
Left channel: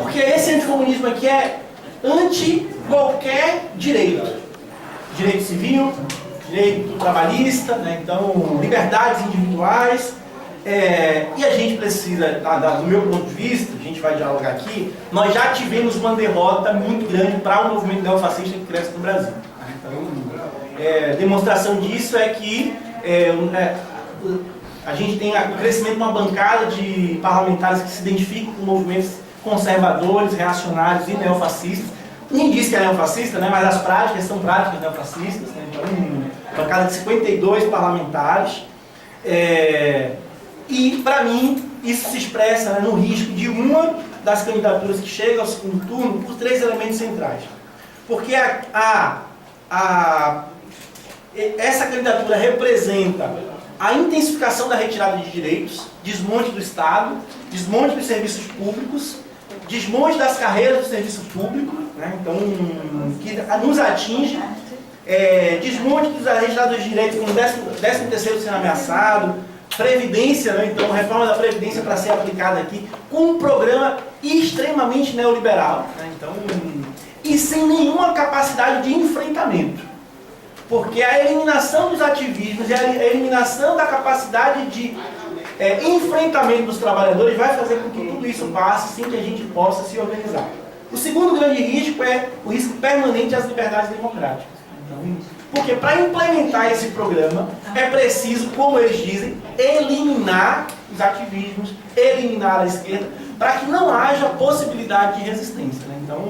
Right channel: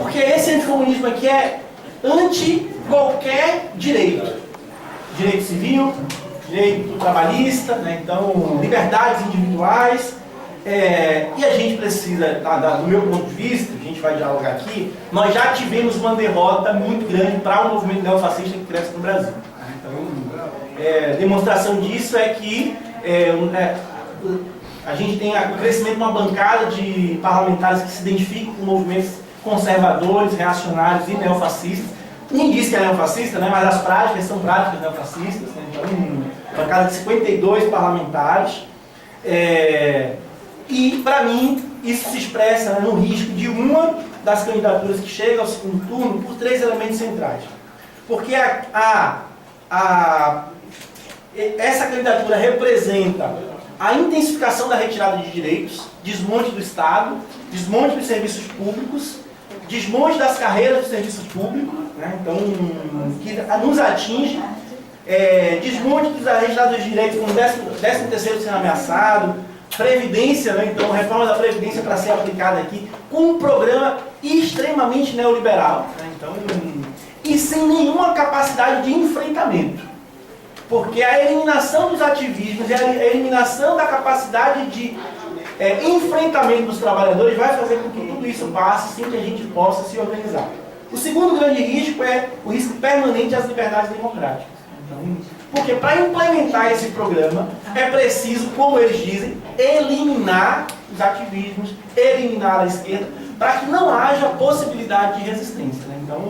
Porque esse anticomunismo aqui é anti qualquer direito. Direito civil, direito trabalhista, né? Então, liberdades individuais. E a gente precisa, do meu ponto de vista, a gente vai dialogar aqui, nós já tivemos uma derrota muito grande para o movimento neofascista que cresce no Brasil. Então, demonstração disso é que a gente tem o crescimento de uma bancada de parlamentares que se identificam com movimentos conservadores, reacionários e neofascistas. Ninguém diz que é neofascista, né? Mas as práticas são práticas neofascistas, né? Então, bancada de 52 parlamentares. E, para mim, isso se expressa, né, no risco de uma das candidaturas que chega ao segundo turno por 3 elementos centrais. Porque essa candidatura representa a intensificação da retirada de direitos, desmonte do Estado, desmonte dos serviços públicos, desmonte das carreiras do serviço público, né? Então, que nos atinge, desmonte da retirada dos direitos, como 13º sendo ameaçado, previdência, né? Então, reforma da previdência para ser aplicada aqui, com um programa extremamente neoliberal, né? Então, e sem nenhuma capacidade de enfrentamento. Porque a eliminação dos ativismos e a eliminação da capacidade de enfrentamento dos trabalhadores vai fazer com que tudo isso passe sem que a gente possa se organizar. O segundo grande risco é o risco permanente às liberdades democráticas. Então, porque para implementar esse programa é preciso, como eles dizem, eliminar os ativismos, eliminar a esquerda, para que não haja possibilidade de resistência, né? Então,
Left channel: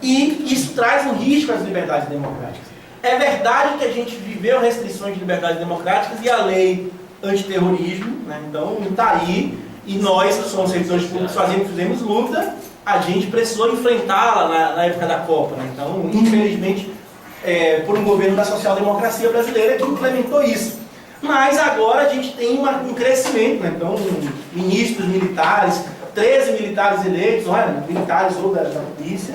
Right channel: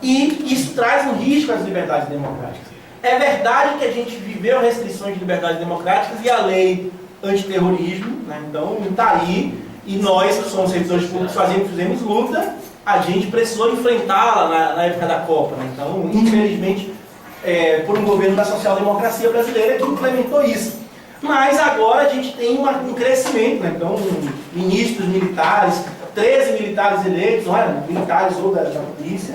e isso traz um risco às liberdades democráticas. É verdade que a gente viveu restrições de liberdades democráticas e a lei antiterrorismo, né? Então está aí, e nós que somos servidores públicos fizemos luta, a gente precisou enfrentá-la na época da Copa, né? Então, infelizmente, por um governo da social-democracia brasileira que implementou isso. Mas agora a gente tem um crescimento, né? Então, ministros militares, 13 militares eleitos, olha, militares ou da polícia.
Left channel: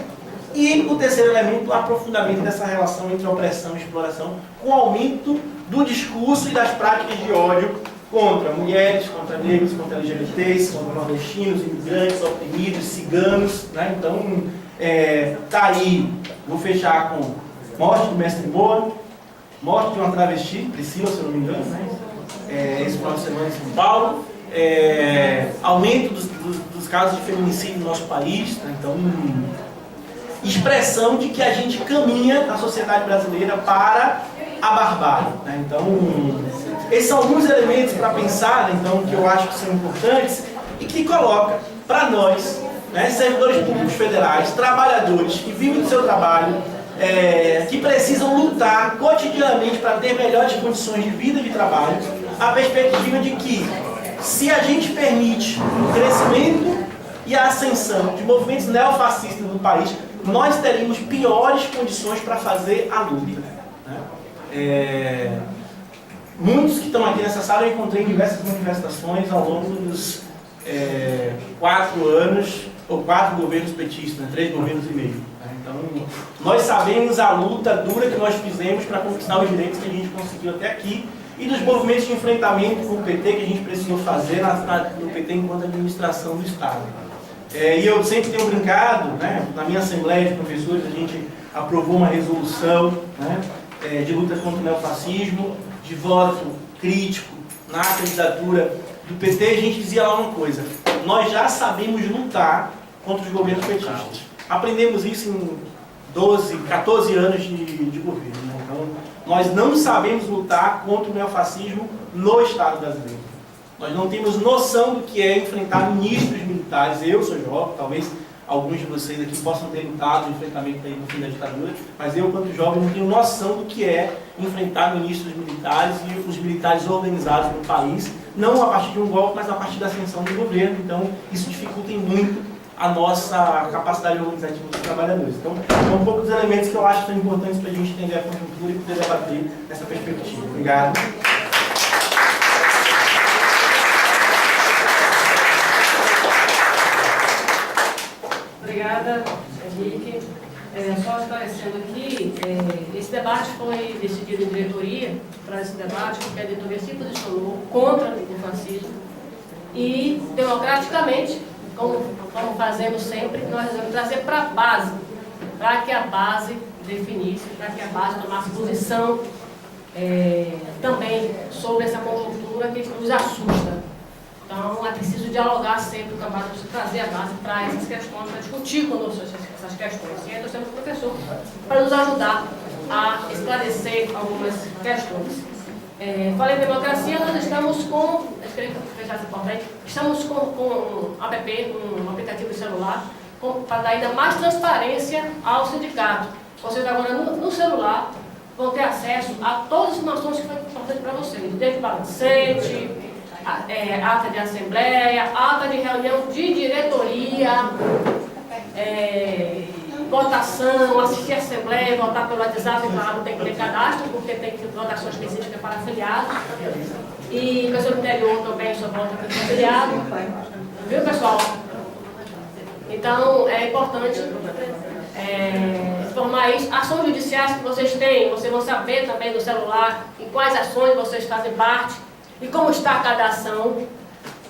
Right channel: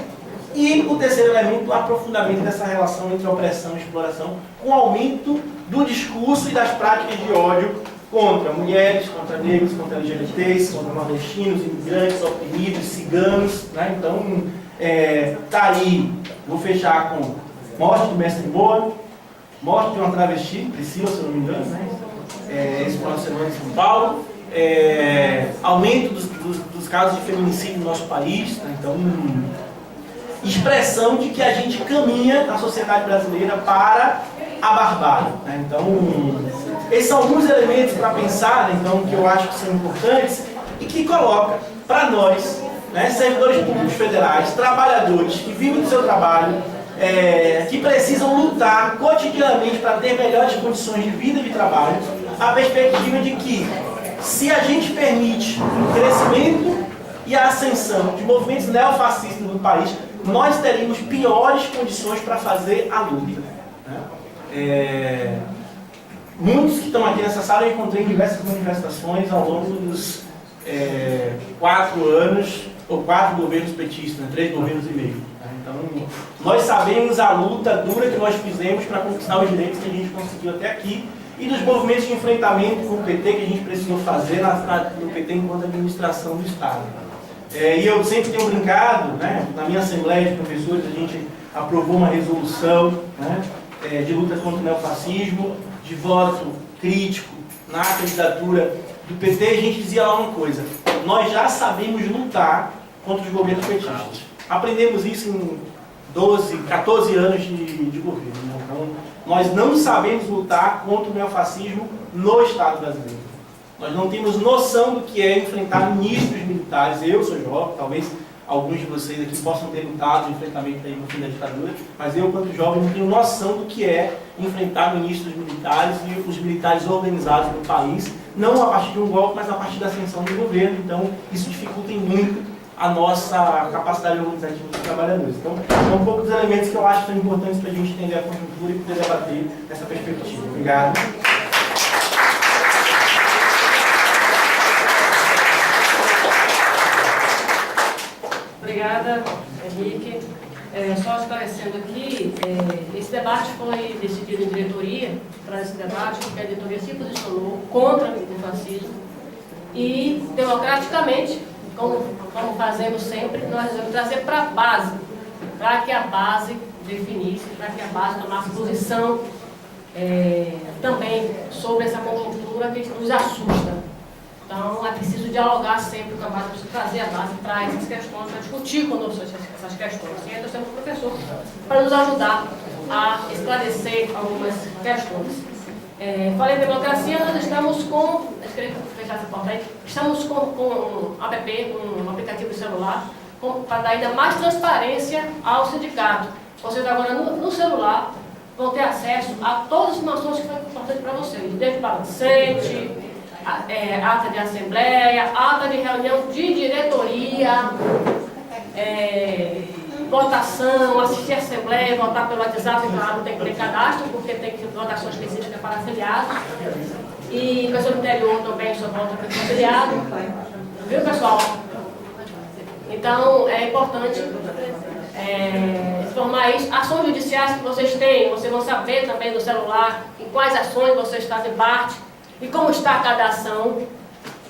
E o terceiro elemento, o aprofundamento dessa relação entre opressão e exploração, com o aumento do discurso e das práticas de ódio contra mulheres, contra negros, contra LGBTs, contra nordestinos, imigrantes, oprimidos, ciganos, né? Então, tá aí, vou fechar com morte do mestre Boa, morte de uma travesti, Priscila, se eu não me engano, né? esse final de semana em São Paulo, aumento dos casos de feminicídio no nosso país, né? Então, expressão de que a gente caminha na sociedade brasileira para a barbárie, né? Então, esses são alguns elementos para pensar, né? Então, que eu acho que são importantes e que coloca para nós, né, servidores públicos federais, trabalhadores que vivem do seu trabalho, que precisam lutar cotidianamente para ter melhores condições de vida e de trabalho, a perspectiva de que, se a gente permite o crescimento e a ascensão de movimentos neofascistas no país, nós teríamos piores condições para fazer a luta, né? Muitos que estão aqui nessa sala eu encontrei em diversas manifestações ao longo dos 4 anos, ou 4 governos petistas, né? 3 governos e meio. Né? Então, nós sabemos a luta dura que nós fizemos para conquistar os direitos que a gente conseguiu até aqui e dos movimentos de enfrentamento com o PT que a gente precisou fazer no PT enquanto administração do Estado. E eu sempre tenho brincado, né? Na minha assembleia de professores a gente aprovou uma resolução, né, de luta contra o neofascismo, de voto crítico na candidatura do PT, a gente dizia lá uma coisa: nós já sabemos lutar contra os governos petistas. Aprendemos isso em 12, 14 anos de governo. Né? Então, nós não sabemos lutar contra o neofascismo no Estado brasileiro. Nós não temos noção do que é enfrentar ministros militares. Eu sou jovem, talvez alguns de vocês aqui possam ter lutado no enfrentamento aí no fim da ditadura, mas eu, quanto jovem, não tenho noção do que é enfrentar ministros militares e os militares organizados no país, não a partir de um golpe, mas a partir da ascensão do governo. Então, isso dificulta muito a nossa capacidade organizativa dos trabalhadores. Então, são um pouco dos elementos que eu acho que são importantes para a gente entender a conjuntura e poder debater nessa perspectiva. Obrigado. Obrigada, Henrique. Só esclarecendo aqui, esse debate foi decidido em diretoria, para esse debate, porque a diretoria se posicionou contra o fascismo e, democraticamente, como fazemos sempre, nós resolvemos trazer para a base, para que a base definisse, para que a base tomasse posição também sobre essa conjuntura que nos assusta. Então, é preciso dialogar sempre com a base, preciso trazer a base para essas questões, para discutir conosco essas questões. E aí nós temos um professor para nos ajudar a esclarecer algumas questões. Falei em democracia, nós estamos com, eu queria fechar essa porta aí, estamos com um app, um aplicativo de celular, para dar ainda mais transparência ao sindicato. Vocês agora no celular vão ter acesso a todas as informações que foram importantes para vocês, desde balancete, ata de assembleia, ata de reunião de diretoria, votação, assistir a assembleia, votar pelo WhatsApp, claro, tem que ter cadastro, porque tem que ter votação específica para afiliados. E pessoa do interior também só vota para afiliado. Viu, pessoal? Então, é importante informar isso. Ações judiciais que vocês têm, vocês vão saber também no celular em quais ações vocês fazem parte e como está cada ação,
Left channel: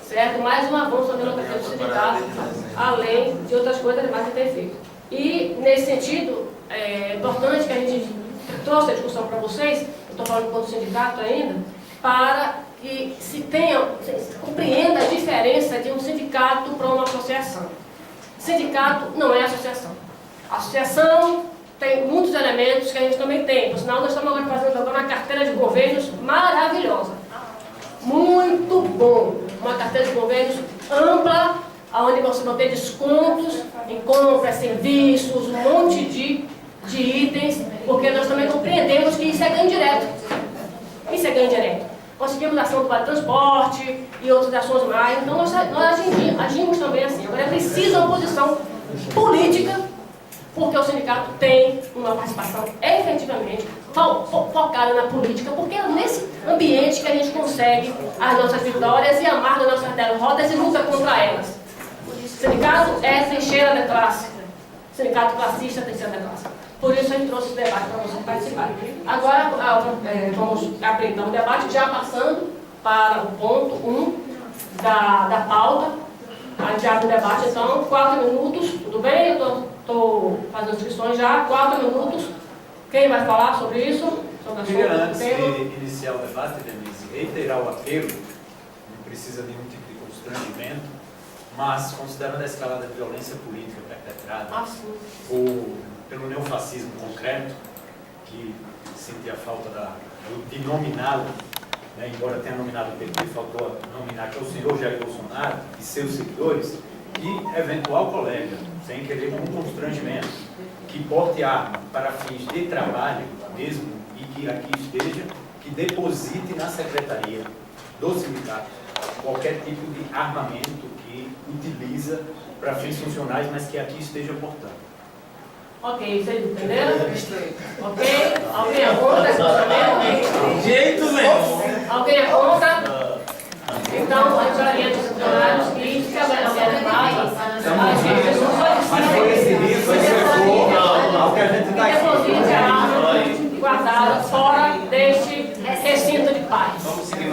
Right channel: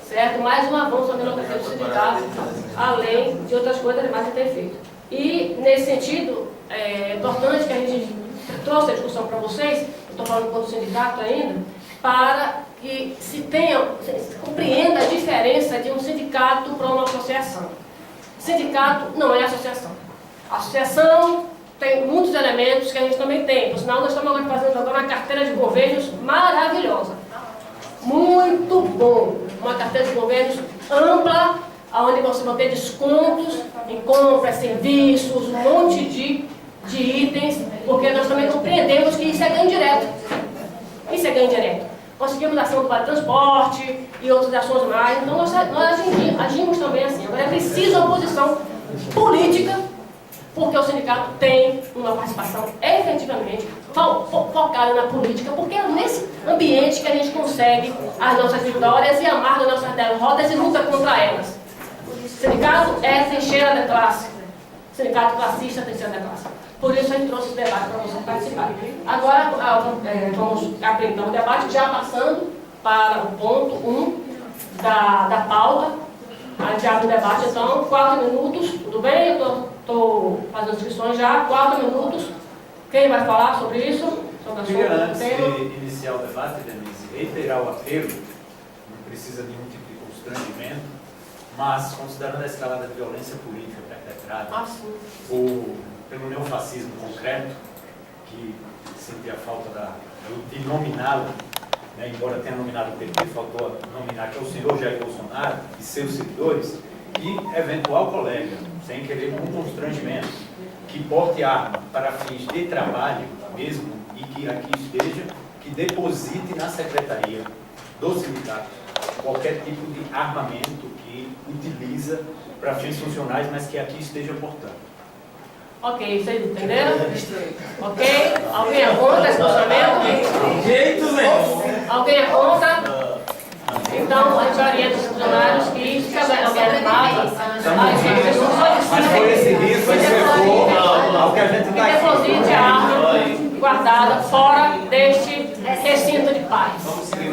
certo? Mais um avanço na democracia do sindicato, além de outras coisas mais a ter feito. E, nesse sentido, é importante que a gente trouxe a discussão para vocês, eu estou falando enquanto sindicato ainda, para que se compreenda a diferença de um sindicato para uma associação. Sindicato não é associação. Associação tem muitos elementos que a gente também tem, por sinal nós estamos agora fazendo uma carteira de governos maravilhosa. Muito bom, uma carteira de governos ampla, onde você vai ter descontos em compras, serviços, um monte de itens, porque nós também compreendemos que isso é ganho direto. Isso é ganho direto. Conseguimos a ação do Vale Transporte e outras ações mais, então nós agimos também assim. Agora é preciso uma posição política, porque o sindicato tem uma participação efetivamente focada na política, porque é nesse ambiente que a gente consegue as nossas vitórias e amarga as nossas derrotas e luta contra elas. O sindicato é trincheira da classe. O sindicato classista é trincheira da classe. Por isso a gente trouxe esse debate para vocês participarem. Agora vamos abrir então o debate, já passando para o ponto 1 da pauta. A gente abre o debate então, 4 minutos, tudo bem? Eu estou fazendo inscrições já, 4 minutos. Quem vai falar sobre isso? Queria, sobre o antes tema. de iniciar o debate, Denise, reiterar o apelo, não precisa de nenhum tipo de constrangimento, mas considerando a escalada de violência política perpetrada pelo neofascismo concreto, que sentia falta de nominá-lo, né, embora tenha nominado o PT, faltou nominar que é o senhor Jair Bolsonaro e seus seguidores, e eventual colega, sem querer nenhum constrangimento, que porte arma para fins de trabalho mesmo e que aqui esteja, que deposite na secretaria do sindicato qualquer tipo de armamento que utiliza para fins funcionais, mas que aqui esteja portando. Ok, vocês entenderam? Ok? Alguém é contra esse posicionamento? Jeito mesmo. Alguém é contra? Então, a gente orienta os funcionários que se alguém alertado, Mas foi decidido, foi ao que a gente está aqui. deposite a arma guardada fora deste recinto de paz.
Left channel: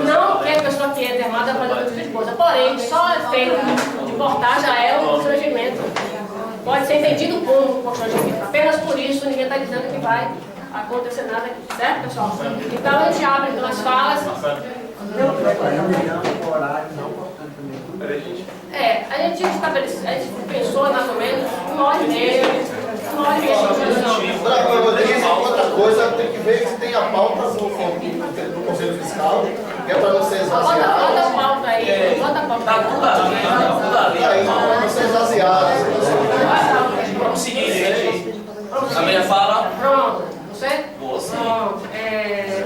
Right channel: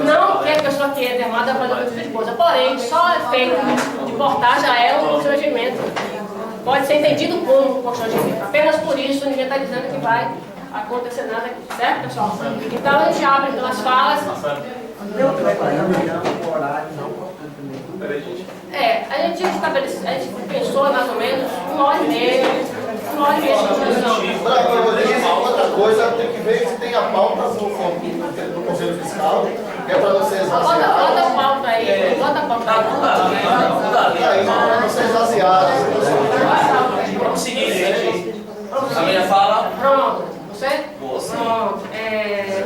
Não que a pessoa que entre armada fazer outra tipo de coisa, porém, só é feito de portar já é um constrangimento. Pode ser entendido como constrangimento. Apenas por isso, ninguém está dizendo que vai acontecer nada aqui, certo, pessoal? Então, a gente abre então as falas. A gente estabeleceu, a gente pensou mais ou menos 1h30, 1h30 de discussão. Outra coisa, tem que ver se tem a pauta no Conselho Fiscal, que é para não ser Bota esvaziado. a pauta aí, bota a pauta aí. E aí, para não ser esvaziado. Vamos seguir, gente. A minha fala. Pronto, você? Você. Pronto.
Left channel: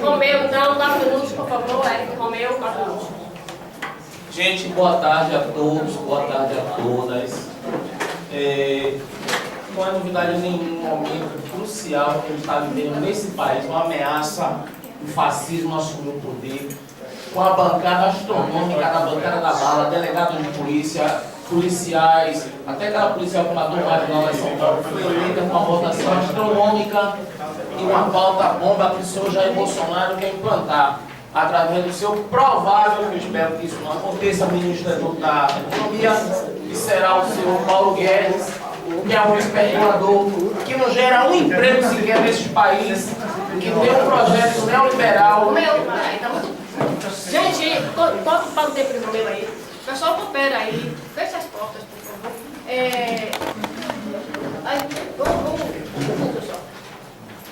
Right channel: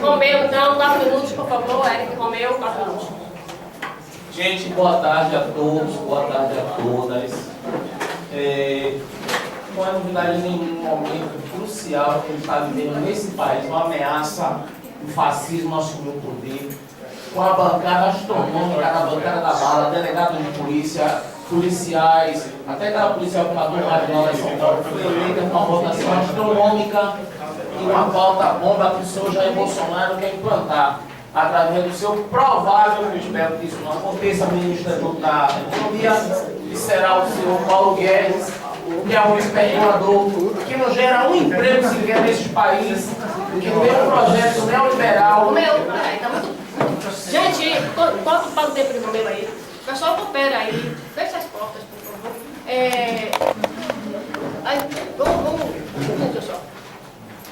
Romeu, então, 4 minutos, por favor. Eric Romeu, 4 minutos. Gente, boa tarde a todos, boa tarde a todas. Não é novidade em nenhum momento crucial que a gente está vivendo nesse país, uma ameaça, o fascismo assumiu o poder, com a bancada astronômica da bancada da bala, delegados de polícia, policiais, até aquela policial que matou o Marinho lá em São Paulo, foi eleita com uma votação astronômica e uma pauta bomba que o senhor Jair Bolsonaro quer implantar, através do seu provável, eu espero que isso não aconteça, ministro da Economia, que será o senhor Paulo Guedes, que é um especulador, que não gera um emprego sequer nesse país, que tem um projeto neoliberal. Romeu, peraí, tá muito. Gente, corta para o tempo de Romeu aí. O pessoal coopera aí, fecha as portas, por favor. Vamos, pessoal.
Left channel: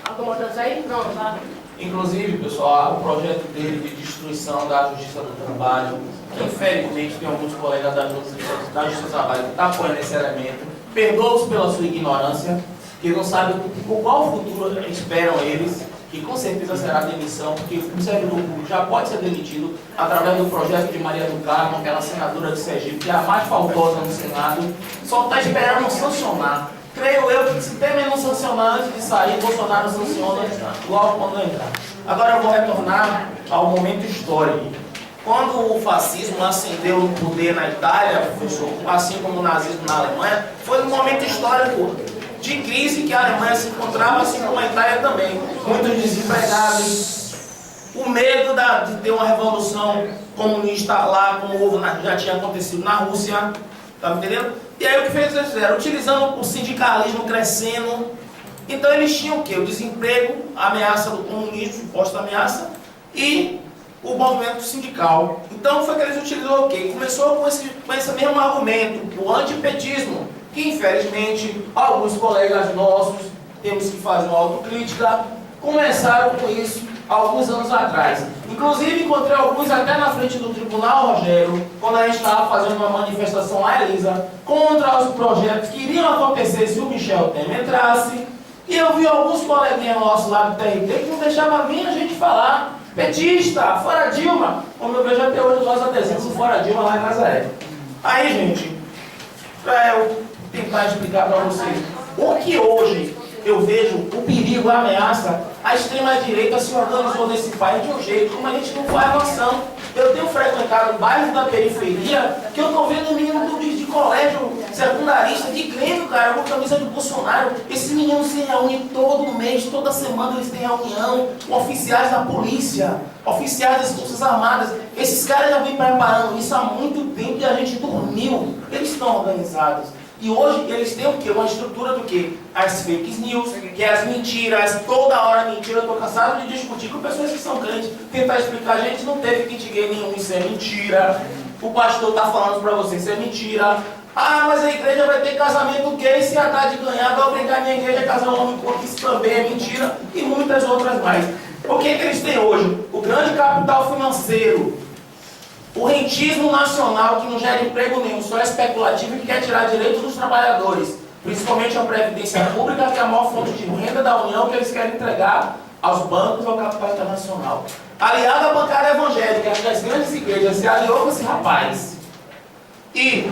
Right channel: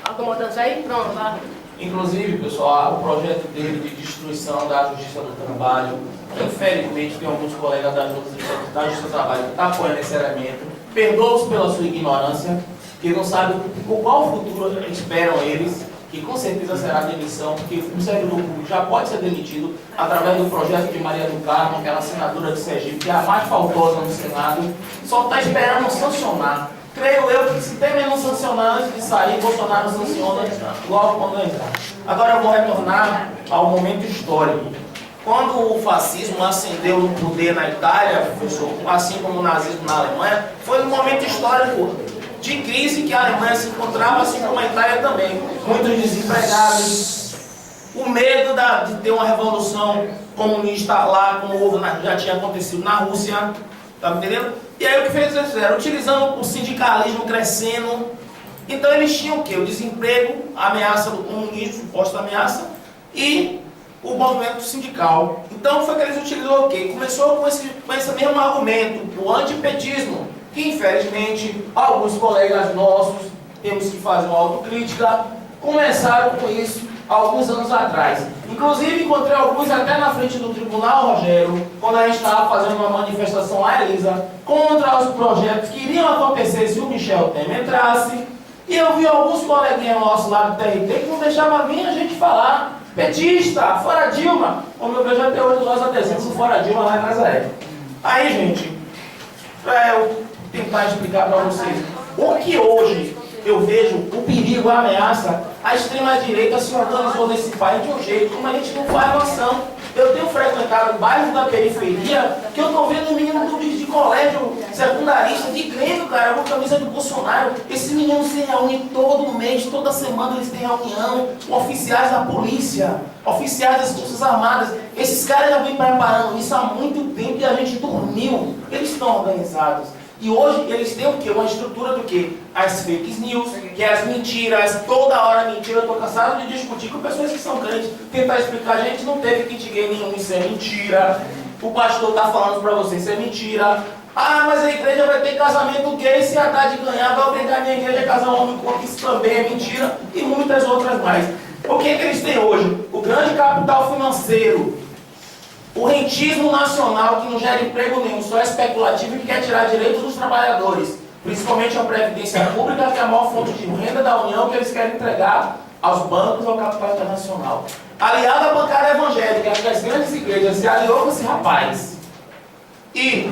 Acomodando aí? Pronto, tá. Inclusive, pessoal, o projeto dele de destruição da Justiça do Trabalho, que infelizmente tem alguns colegas da Justiça do Trabalho que estão apoiando esse elemento, perdoa-os pela sua ignorância, que não sabem qual futuro esperam eles, que com certeza será demissão, porque o servidor público já pode ser demitido através do projeto de Maria do Carmo, aquela senadora de Sergipe, que é a mais faltosa no Senado, só está esperando sancionar. Creio eu que se Temer não sancionar antes de sair, Bolsonaro sanciona logo quando entrar. Agora eu vou retornar ao momento histórico. Quando o fascismo ascendeu no poder na Itália, professor, assim como o nazismo na Alemanha, foi um momento histórico de crise que a Alemanha se encontrava, assim como a Itália também. Muitos desempregados, o medo de ter uma revolução comunista lá, como já tinha acontecido na Rússia, tá me entendendo? E aí o que eles fizeram? Utilizando o sindicalismo crescendo. Então eles tinham o quê? O desemprego, a ameaça do comunismo, suposta ameaça, e o movimento sindical. Então foi que eles utilizaram o quê? Começou com esse mesmo argumento, o antipetismo, que infelizmente alguns colegas nossos, temos que fazer uma autocrítica, começaram com isso alguns anos atrás. Inclusive encontrei alguns até na frente do tribunal, Rogério, quando a gente estava fazendo uma manifestação à Elisa, contra os projetos que iriam acontecer se o Michel Temer entrasse. E eu vi alguns coleguinhas nossos lá do TRT que não deixavam nem a gente falar. Petista, fora Dilma. Como eu vejo até hoje nós adesivos fora Dilma lá em Nazaré. Aí, gente, para eu tentar explicar para vocês, o que hoje eu vejo o perigo, a ameaça, a extrema-direita se organizou nesse país de um jeito como a gente não faz noção. Eu tenho frequentado bairros da periferia que eu estou vendo menino de colégio secundarista de Grêmio, cara, com camisa de Bolsonaro. Esses meninos se reúnem todo mês, toda semana eles têm reunião com oficiais da polícia, oficiais das Forças Armadas. Esses caras já vêm preparando isso há muito tempo e a gente dormiu. Eles estão organizados. E hoje eles têm o quê? Uma estrutura do quê? As fake news, que é as mentiras, toda hora mentira. Eu estou cansado de discutir com pessoas que são crentes, tentar explicar, gente, não teve kit gay nenhum, isso é mentira. O pastor está falando para você, isso é mentira. Ah, mas a igreja vai ter casamento gay, se a Haddad ganhar, vai obrigar a minha igreja a casar um homem com outro, isso também é mentira. E muitas outras mais. O que eles têm hoje? O grande capital financeiro, o rentismo nacional que não gera emprego nenhum, só é especulativo e quer tirar direitos dos trabalhadores, principalmente a Previdência Pública, que é a maior fonte de renda da União que eles querem entregar aos bancos e ao capital internacional. Aliado à bancada evangélica, que as grandes igrejas se aliou com esse rapaz. E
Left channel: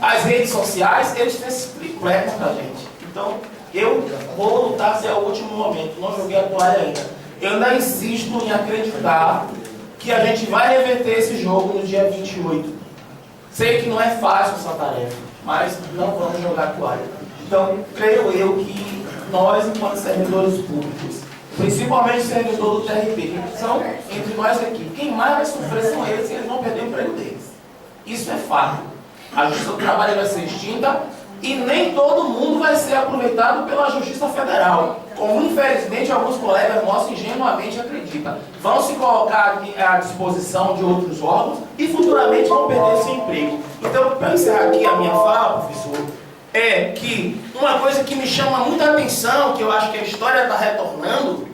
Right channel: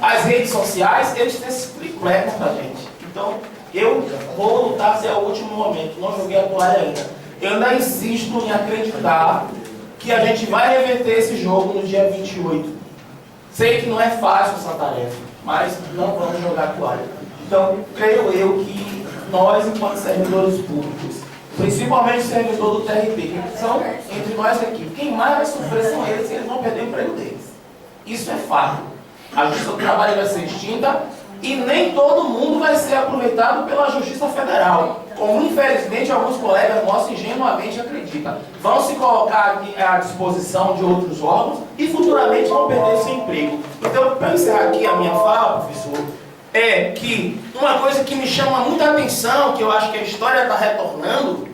as redes sociais, eles têm esse triplex pra gente. Então, eu vou lutar até o último momento, não joguei a toalha ainda. Eu ainda insisto em acreditar que a gente vai reverter esse jogo no dia 28. Sei que não é fácil essa tarefa, mas não vamos jogar a toalha. Então, creio eu que nós, enquanto servidores públicos, principalmente servidor do TRP, que são entre nós aqui, quem mais vai sofrer são eles e eles vão perder o emprego deles. Isso é fato. A justiça do trabalho vai ser extinta e nem todo mundo vai ser aproveitado pela Justiça Federal, como infelizmente alguns colegas nossos ingenuamente acreditam. Vão se colocar à disposição de outros órgãos e futuramente vão perder seu emprego. Então, para encerrar aqui a minha fala, professor, é que uma coisa que me chama muita atenção, que eu acho que a história está retornando,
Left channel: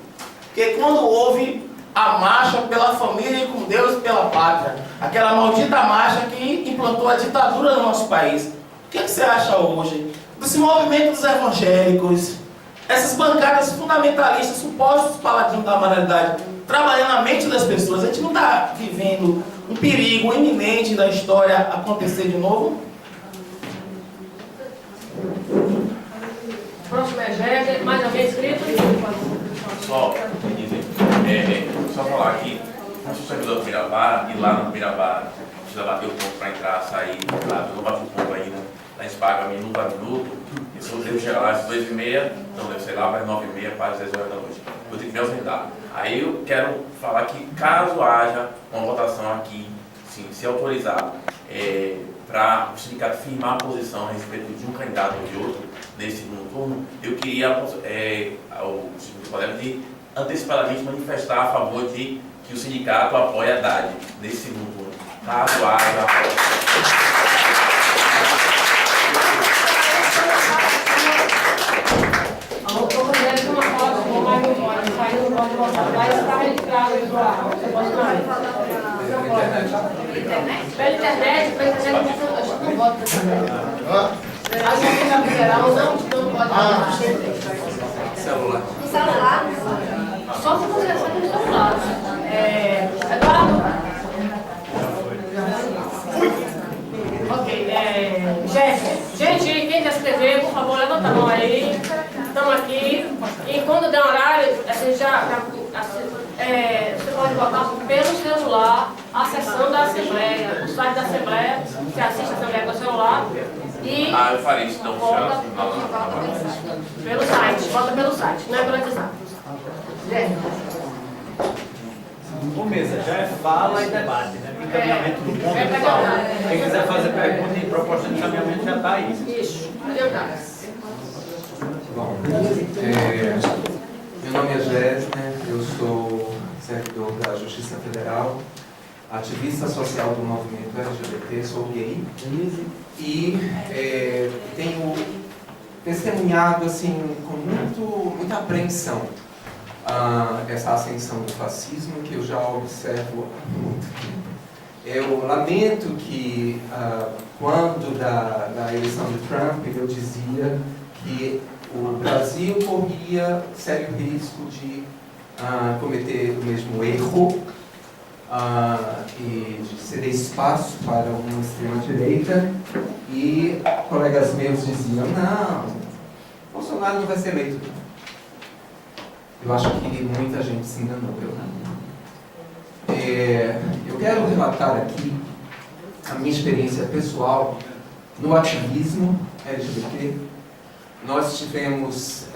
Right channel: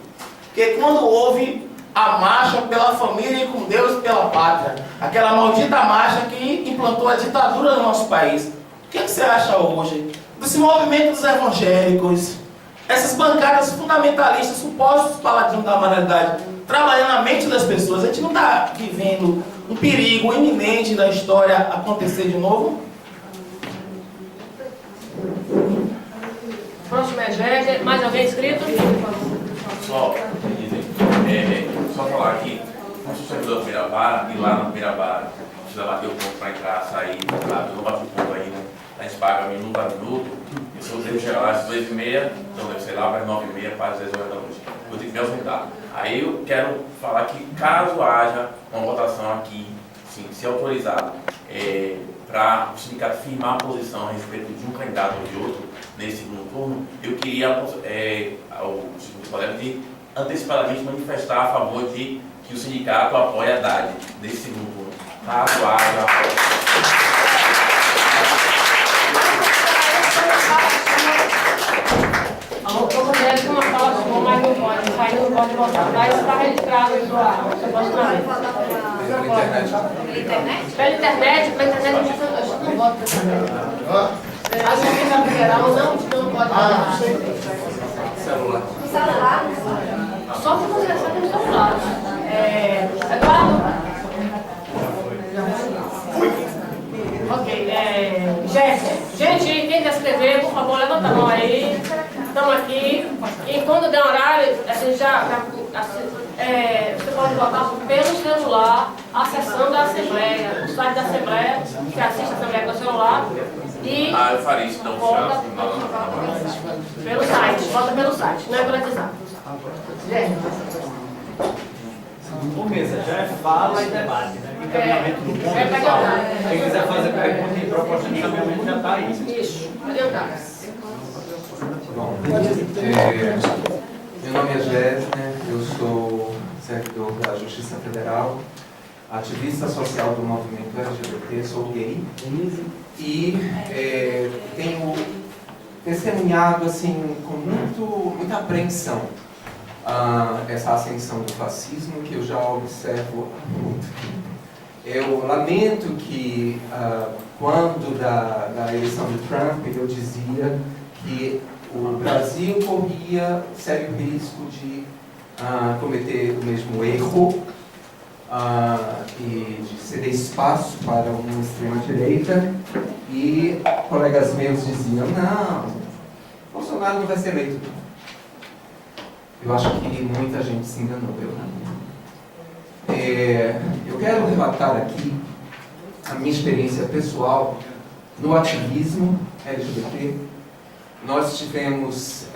que é quando houve a marcha pela família e com Deus e pela pátria, aquela maldita marcha que implantou a ditadura no nosso país. O que você acha hoje desse movimento dos evangélicos, essas bancadas fundamentalistas, supostos paladinos da moralidade, trabalhando na mente das pessoas? A gente não está vivendo um perigo iminente da história acontecer de novo? Próximo é Jéssica. Mais alguém inscrito? Pessoal, só falar aqui, como sou servidor do Mirabara, e lá no Mirabara precisa bater o ponto para entrar, sair, tá? Eu não bati o ponto ainda, a gente paga minuto a minuto, e se eu devo chegar lá às 2h30, então devo sair lá para as 9h30, para as 10 horas da noite. Eu tenho que me ausentar. Aí eu quero falar que caso haja uma votação aqui, sim, se autorizado, para o sindicato firmar a posição a respeito de um candidato ou de outro nesse segundo turno, eu queria ao segundo colega de antecipadamente manifestar a favor de que o sindicato apoie a Haddad nesse segundo turno. Caso haja. A mulher tem uma fala de mas não pode, isso aí não pode votar. Lá está registrado aí do ar. Você pode mais. Pela internet, a gente não vota pela internet. A Justiça Federal não pode votar. Celular. No celular? Só se você recebe no celular. Eduardo? Ok, Jéssica. Gente, quem quer escrever, por favor, levanta a mão aí. Estamos aqui. E quando der horário, a gente você pode votar pelo celular, acessando a Assembleia, o site da Assembleia, você assiste a Assembleia pelo celular. E eu farei isso, então, vota pelo site, vota pelo site, não é pelo WhatsApp. Ô, mesa, já é fala e debate, né? Encaminhamento do ponto pessoal. Quem quiser fazer pergunta e proposta de encaminhamento já está aí. Isso, adiantado. Bom, meu nome é Jéssica, eu sou servidor da Justiça Federal, ativista social do movimento LGBT, sou gay e tenho testemunhado assim, com muita apreensão essa ascensão do fascismo que eu já observo há muito tempo. Eu lamento que quando da eleição de Trump eu dizia que o Brasil corria sério risco de cometer o mesmo erro e de ceder espaço para uma extrema-direita, e colegas meus diziam, não, Bolsonaro não vai ser eleito. Eu acho que muita gente se enganou, eu não. Eu quero relatar aqui a minha experiência pessoal no ativismo LGBT. Nós tivemos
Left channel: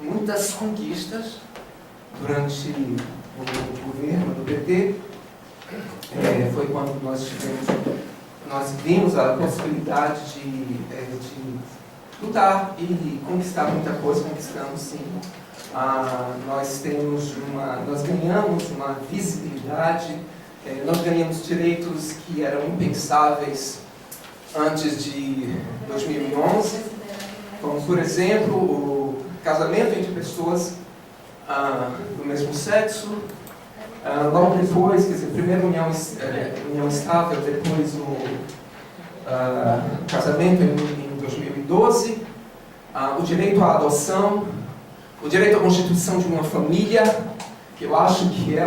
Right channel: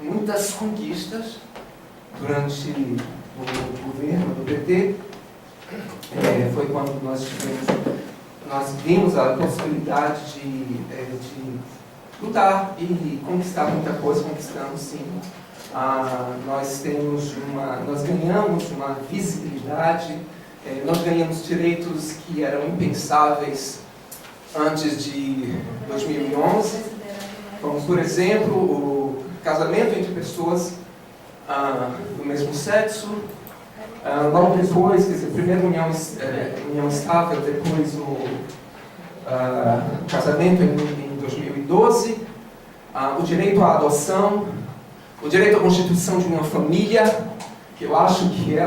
muitas conquistas durante o governo do PT. Foi quando nós tivemos nós vimos a possibilidade de lutar e conquistar muita coisa, conquistamos sim. Nós ganhamos uma visibilidade, nós ganhamos direitos que eram impensáveis antes de 2011, como, por exemplo, o casamento entre pessoas do mesmo sexo. Logo depois, quer dizer, primeiro união estável, depois o casamento em 2012, o direito à adoção, o direito à constituição de uma família, que eu acho que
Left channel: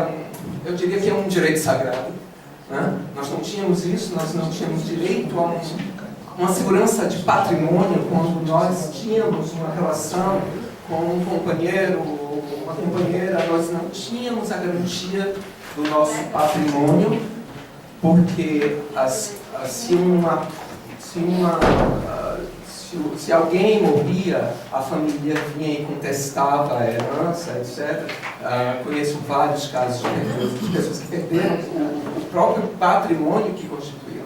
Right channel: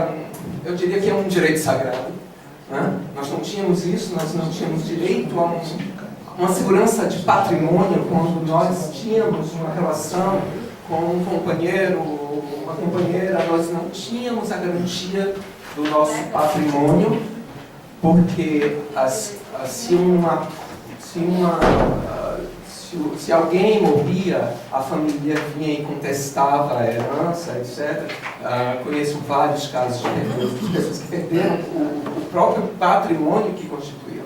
eu diria que é um direito sagrado. Né? Nós não tínhamos isso, nós não tínhamos direito a uma segurança de patrimônio quando nós tínhamos uma relação com um companheiro, uma companheira, nós não tínhamos a garantia do nosso patrimônio, porque se alguém morria, a família vinha e contestava a herança, etc. Conheço vários casos de pessoas que perderam o próprio patrimônio que constituía.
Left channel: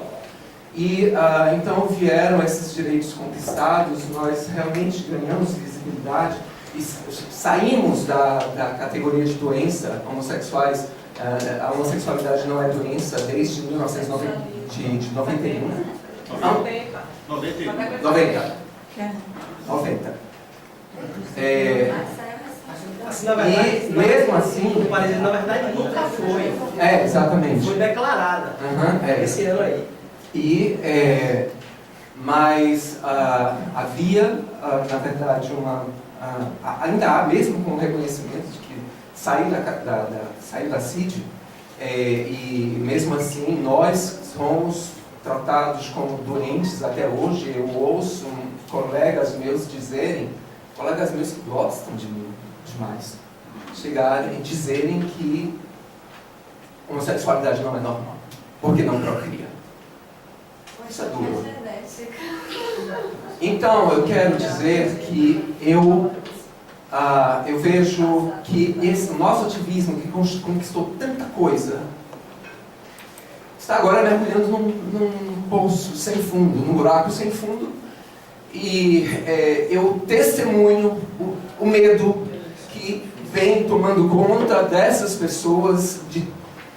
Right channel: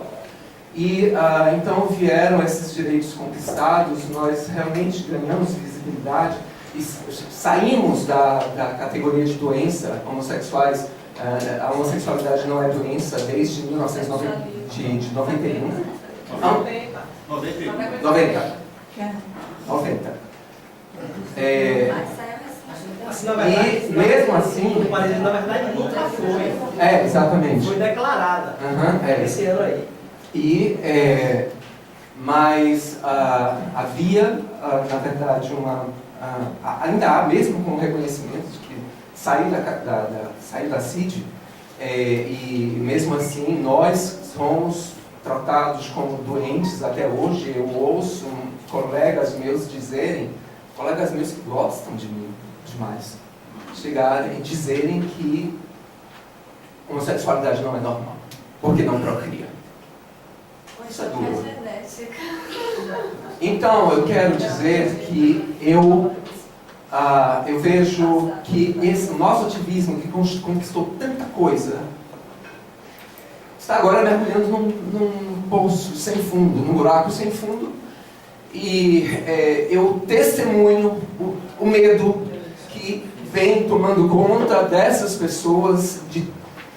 E então vieram esses direitos conquistados, nós realmente ganhamos visibilidade e saímos da categoria de doença. Homossexuais, a homossexualidade não é doença desde 1991. 90. E mesmo assim... Na verdade, nunca foi. Exatamente. Foi declarada. Esse ano aí. Mas havia, na verdade, ainda há, mesmo com o reconhecimento de que saiu da CID, e mesmo assim nós somos tratados como doentes até hoje. Eu ouço colegas meus que gostam de mim demais, chegarem e dizerem que homossexualidade não é normal, porque não procria. Isso é duro. Então, eu quero dizer que eu vejo que esse nosso ativismo, que conquistou tanta coisa, está agora mergulhando num poço sem fundo, num buraco sem fundo. E eu testemunho o medo que vem tomando conta dessas pessoas,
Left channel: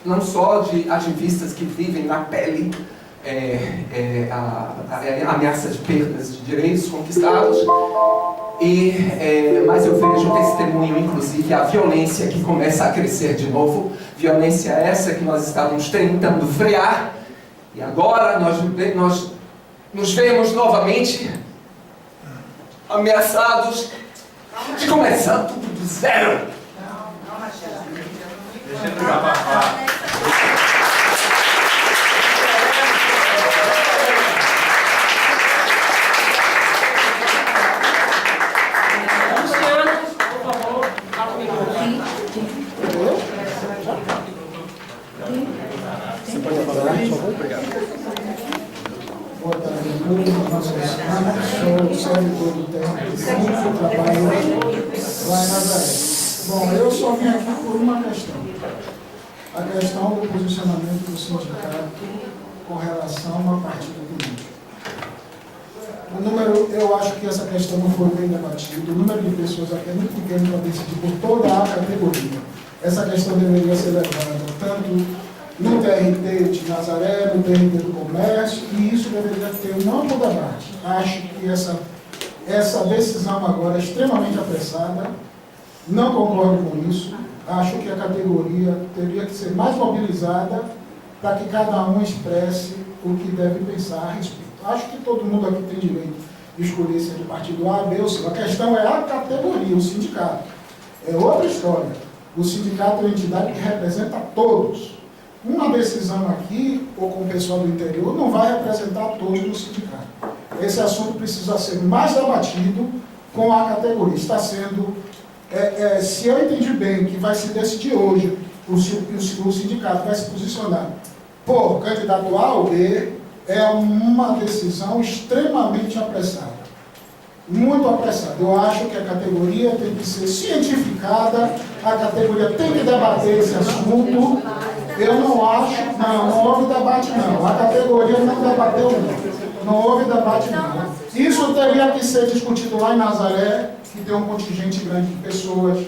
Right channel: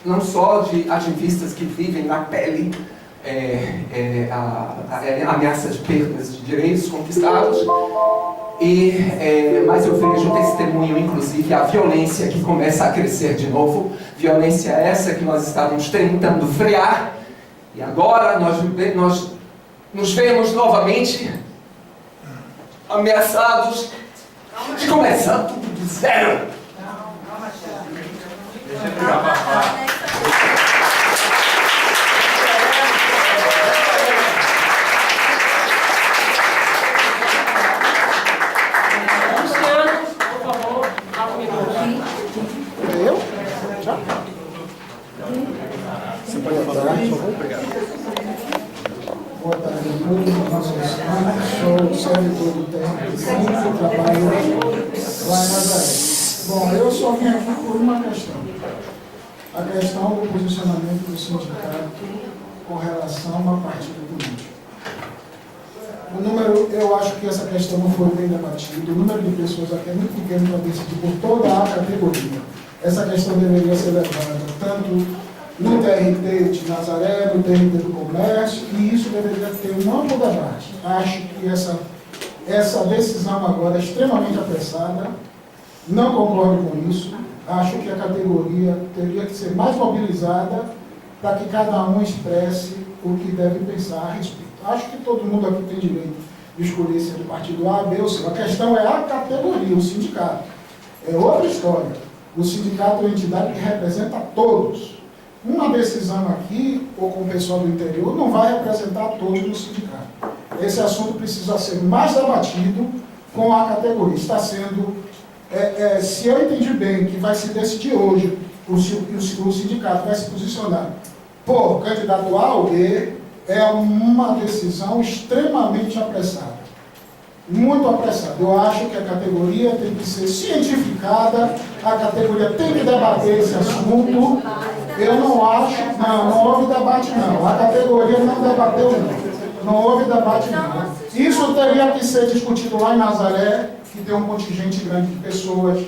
não só de ativistas que vivem na pele a ameaça de perdas de direitos conquistados, mas eu vejo testemunho, inclusive, a violência que começa a crescer de novo, violência essa que nós estávamos tentando frear, e agora nós nos vemos novamente ameaçados de começar tudo do zero. Deixa ele acabar. Você pode falar, por favor? Obrigado. Boa tarde a todos. Sou servidor do TRT5, trabalho lá em Nazaré. Bom, eu só vim aqui por uma questão. A questão do posicionamento do sindicato com relação a partido político. O número, eu acho que essa questão não foi bem debatida. O número de pessoas aqui é muito pequeno para decidir por toda a categoria. Essa questão deveria ser levada tanto no TRT de Nazaré, no TRT do Comércio, e isso deveria ter um amplo debate. Acho que essa decisão agora é extremamente apressada, não concordo com isso. Acho que a categoria teria que ser mais mobilizada para que cada um expresse o que deve pensar a respeito. Acho que todo mundo aqui tem direito de escolher se é de partido A, B ou C. A questão é a categoria, o sindicato. É outra história. O sindicato é uma entidade que representa todos. Uma decisão aqui, ou com o pessoal do interior, não vai representar todos no sindicato. Esse assunto precisa ser mais debatido com a categoria. Está sendo, se eu entendi bem, que vai se decidir hoje, o sindicato vai se posicionar por candidato A ou B, é uma decisão extremamente apressada. Muito apressada. Eu acho que a categoria tem que ser cientificada, a categoria tem que debater esse assunto. Eu não acho, não houve debate não. A categoria não debateu não. Não houve debate não. Isso teria que ser discutido lá em Nazaré, que tem um contingente grande de pessoas.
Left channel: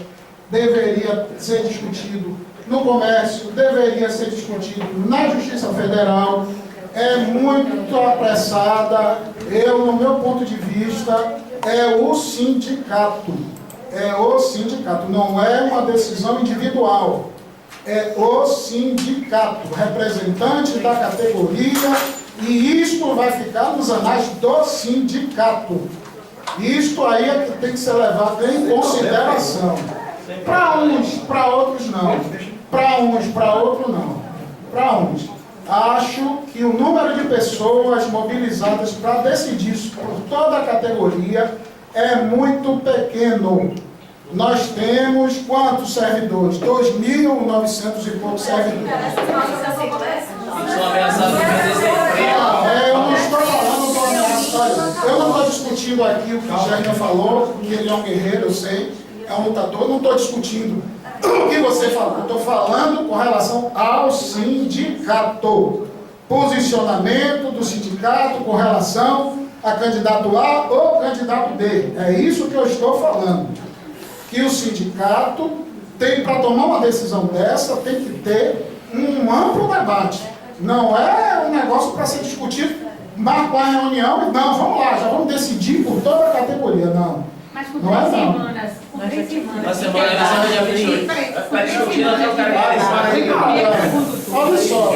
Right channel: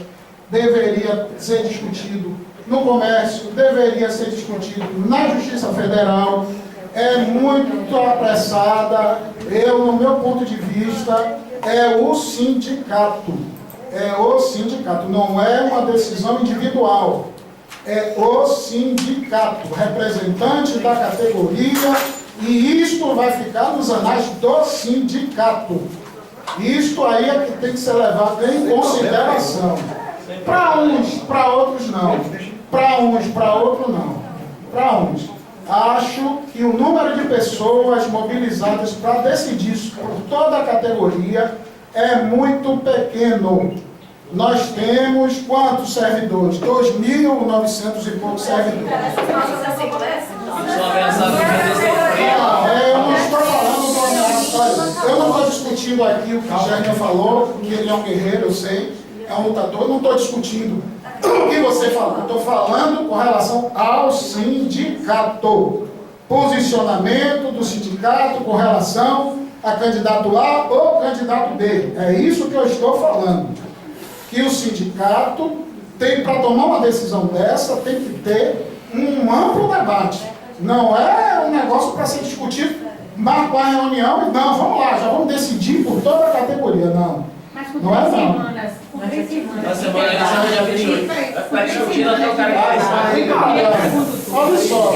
Deveria ser discutido no comércio, deveria ser discutido na Justiça Federal. É muito apressada. No meu ponto de vista, é o sindicato. É o sindicato, não é uma decisão individual. É o sindicato, representante da categoria, e isto vai ficar nos anais do sindicato. Isto aí é que tem que ser levado em consideração. Para uns, para outros não. Para uns, para outros não. Para uns. Acho que o número de pessoas mobilizadas para decidir por toda a categoria é muito pequeno. Nós temos quantos servidores? 2.900 e poucos servidores. Eu não estou falando do ameaça. Eu não estou discutindo aqui o que o Jair falou, que ele é um guerreiro, eu sei, é um lutador. Eu não estou discutindo o que você falou. Estou falando com relação ao sindicato. Posicionamento do sindicato com relação a candidato A ou candidato B. É isso que eu estou falando. Que o sindicato tem, para tomar uma decisão dessa, tem que ter um amplo debate. Não é um negócio para ser discutido, marcar a reunião e não, vamos lá, já vamos decidir por toda a categoria. Não. Mas por não é não. semanas. Por 3 semanas. Na semana dia 28. Vai ficar discutindo até o cara que olha só.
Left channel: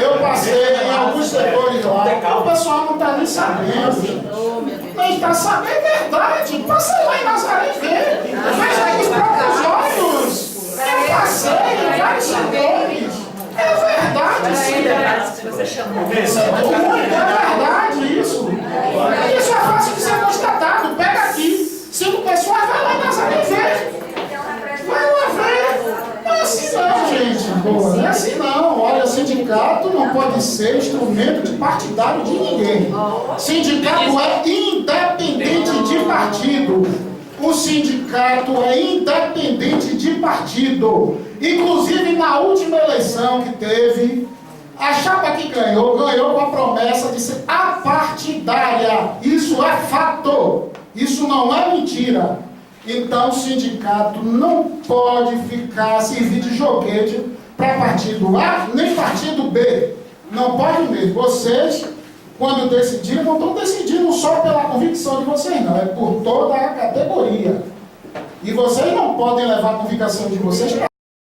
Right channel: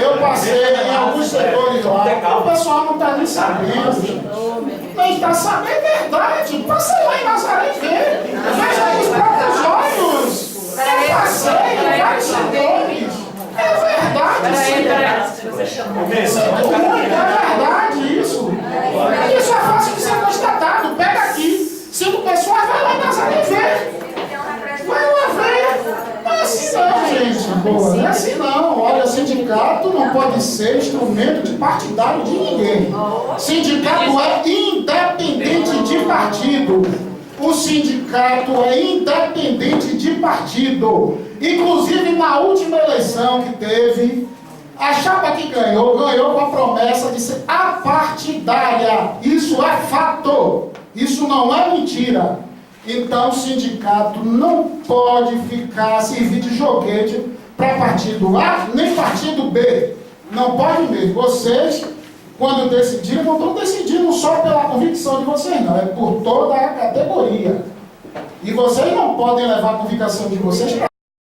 Eu passei em alguns setores lá, o pessoal não está nem sabendo. Não está sabendo, é verdade. Passa lá em Nazaré e vê. Veja aí os próprios olhos. Eu passei em vários setores. É verdade, sim. Você chamou. É verdade isso. Isso é fácil de ser constatado. Pega aqui. 5 pessoas, vai lá em Nazaré e vê. Vai lá ver. Não é assim não, gente. Boa, não é assim não. Olha, sindicato não pode ser instrumento de partidário de ninguém. Sindicato é independente de partido. O sindicato é independente de partido. Inclusive, na última eleição que teve, a chapa que ganhou com a promessa de ser apartidária. Isso é fato. Isso não é mentira. Então, o sindicato não pode ficar servir de joguete para partido A nem partido B. Não pode mesmo. Vocês, quando decidirem, não estão decidindo só pela convicção de vocês, não. É por toda a categoria. E vocês não podem levar a convicção de vocês para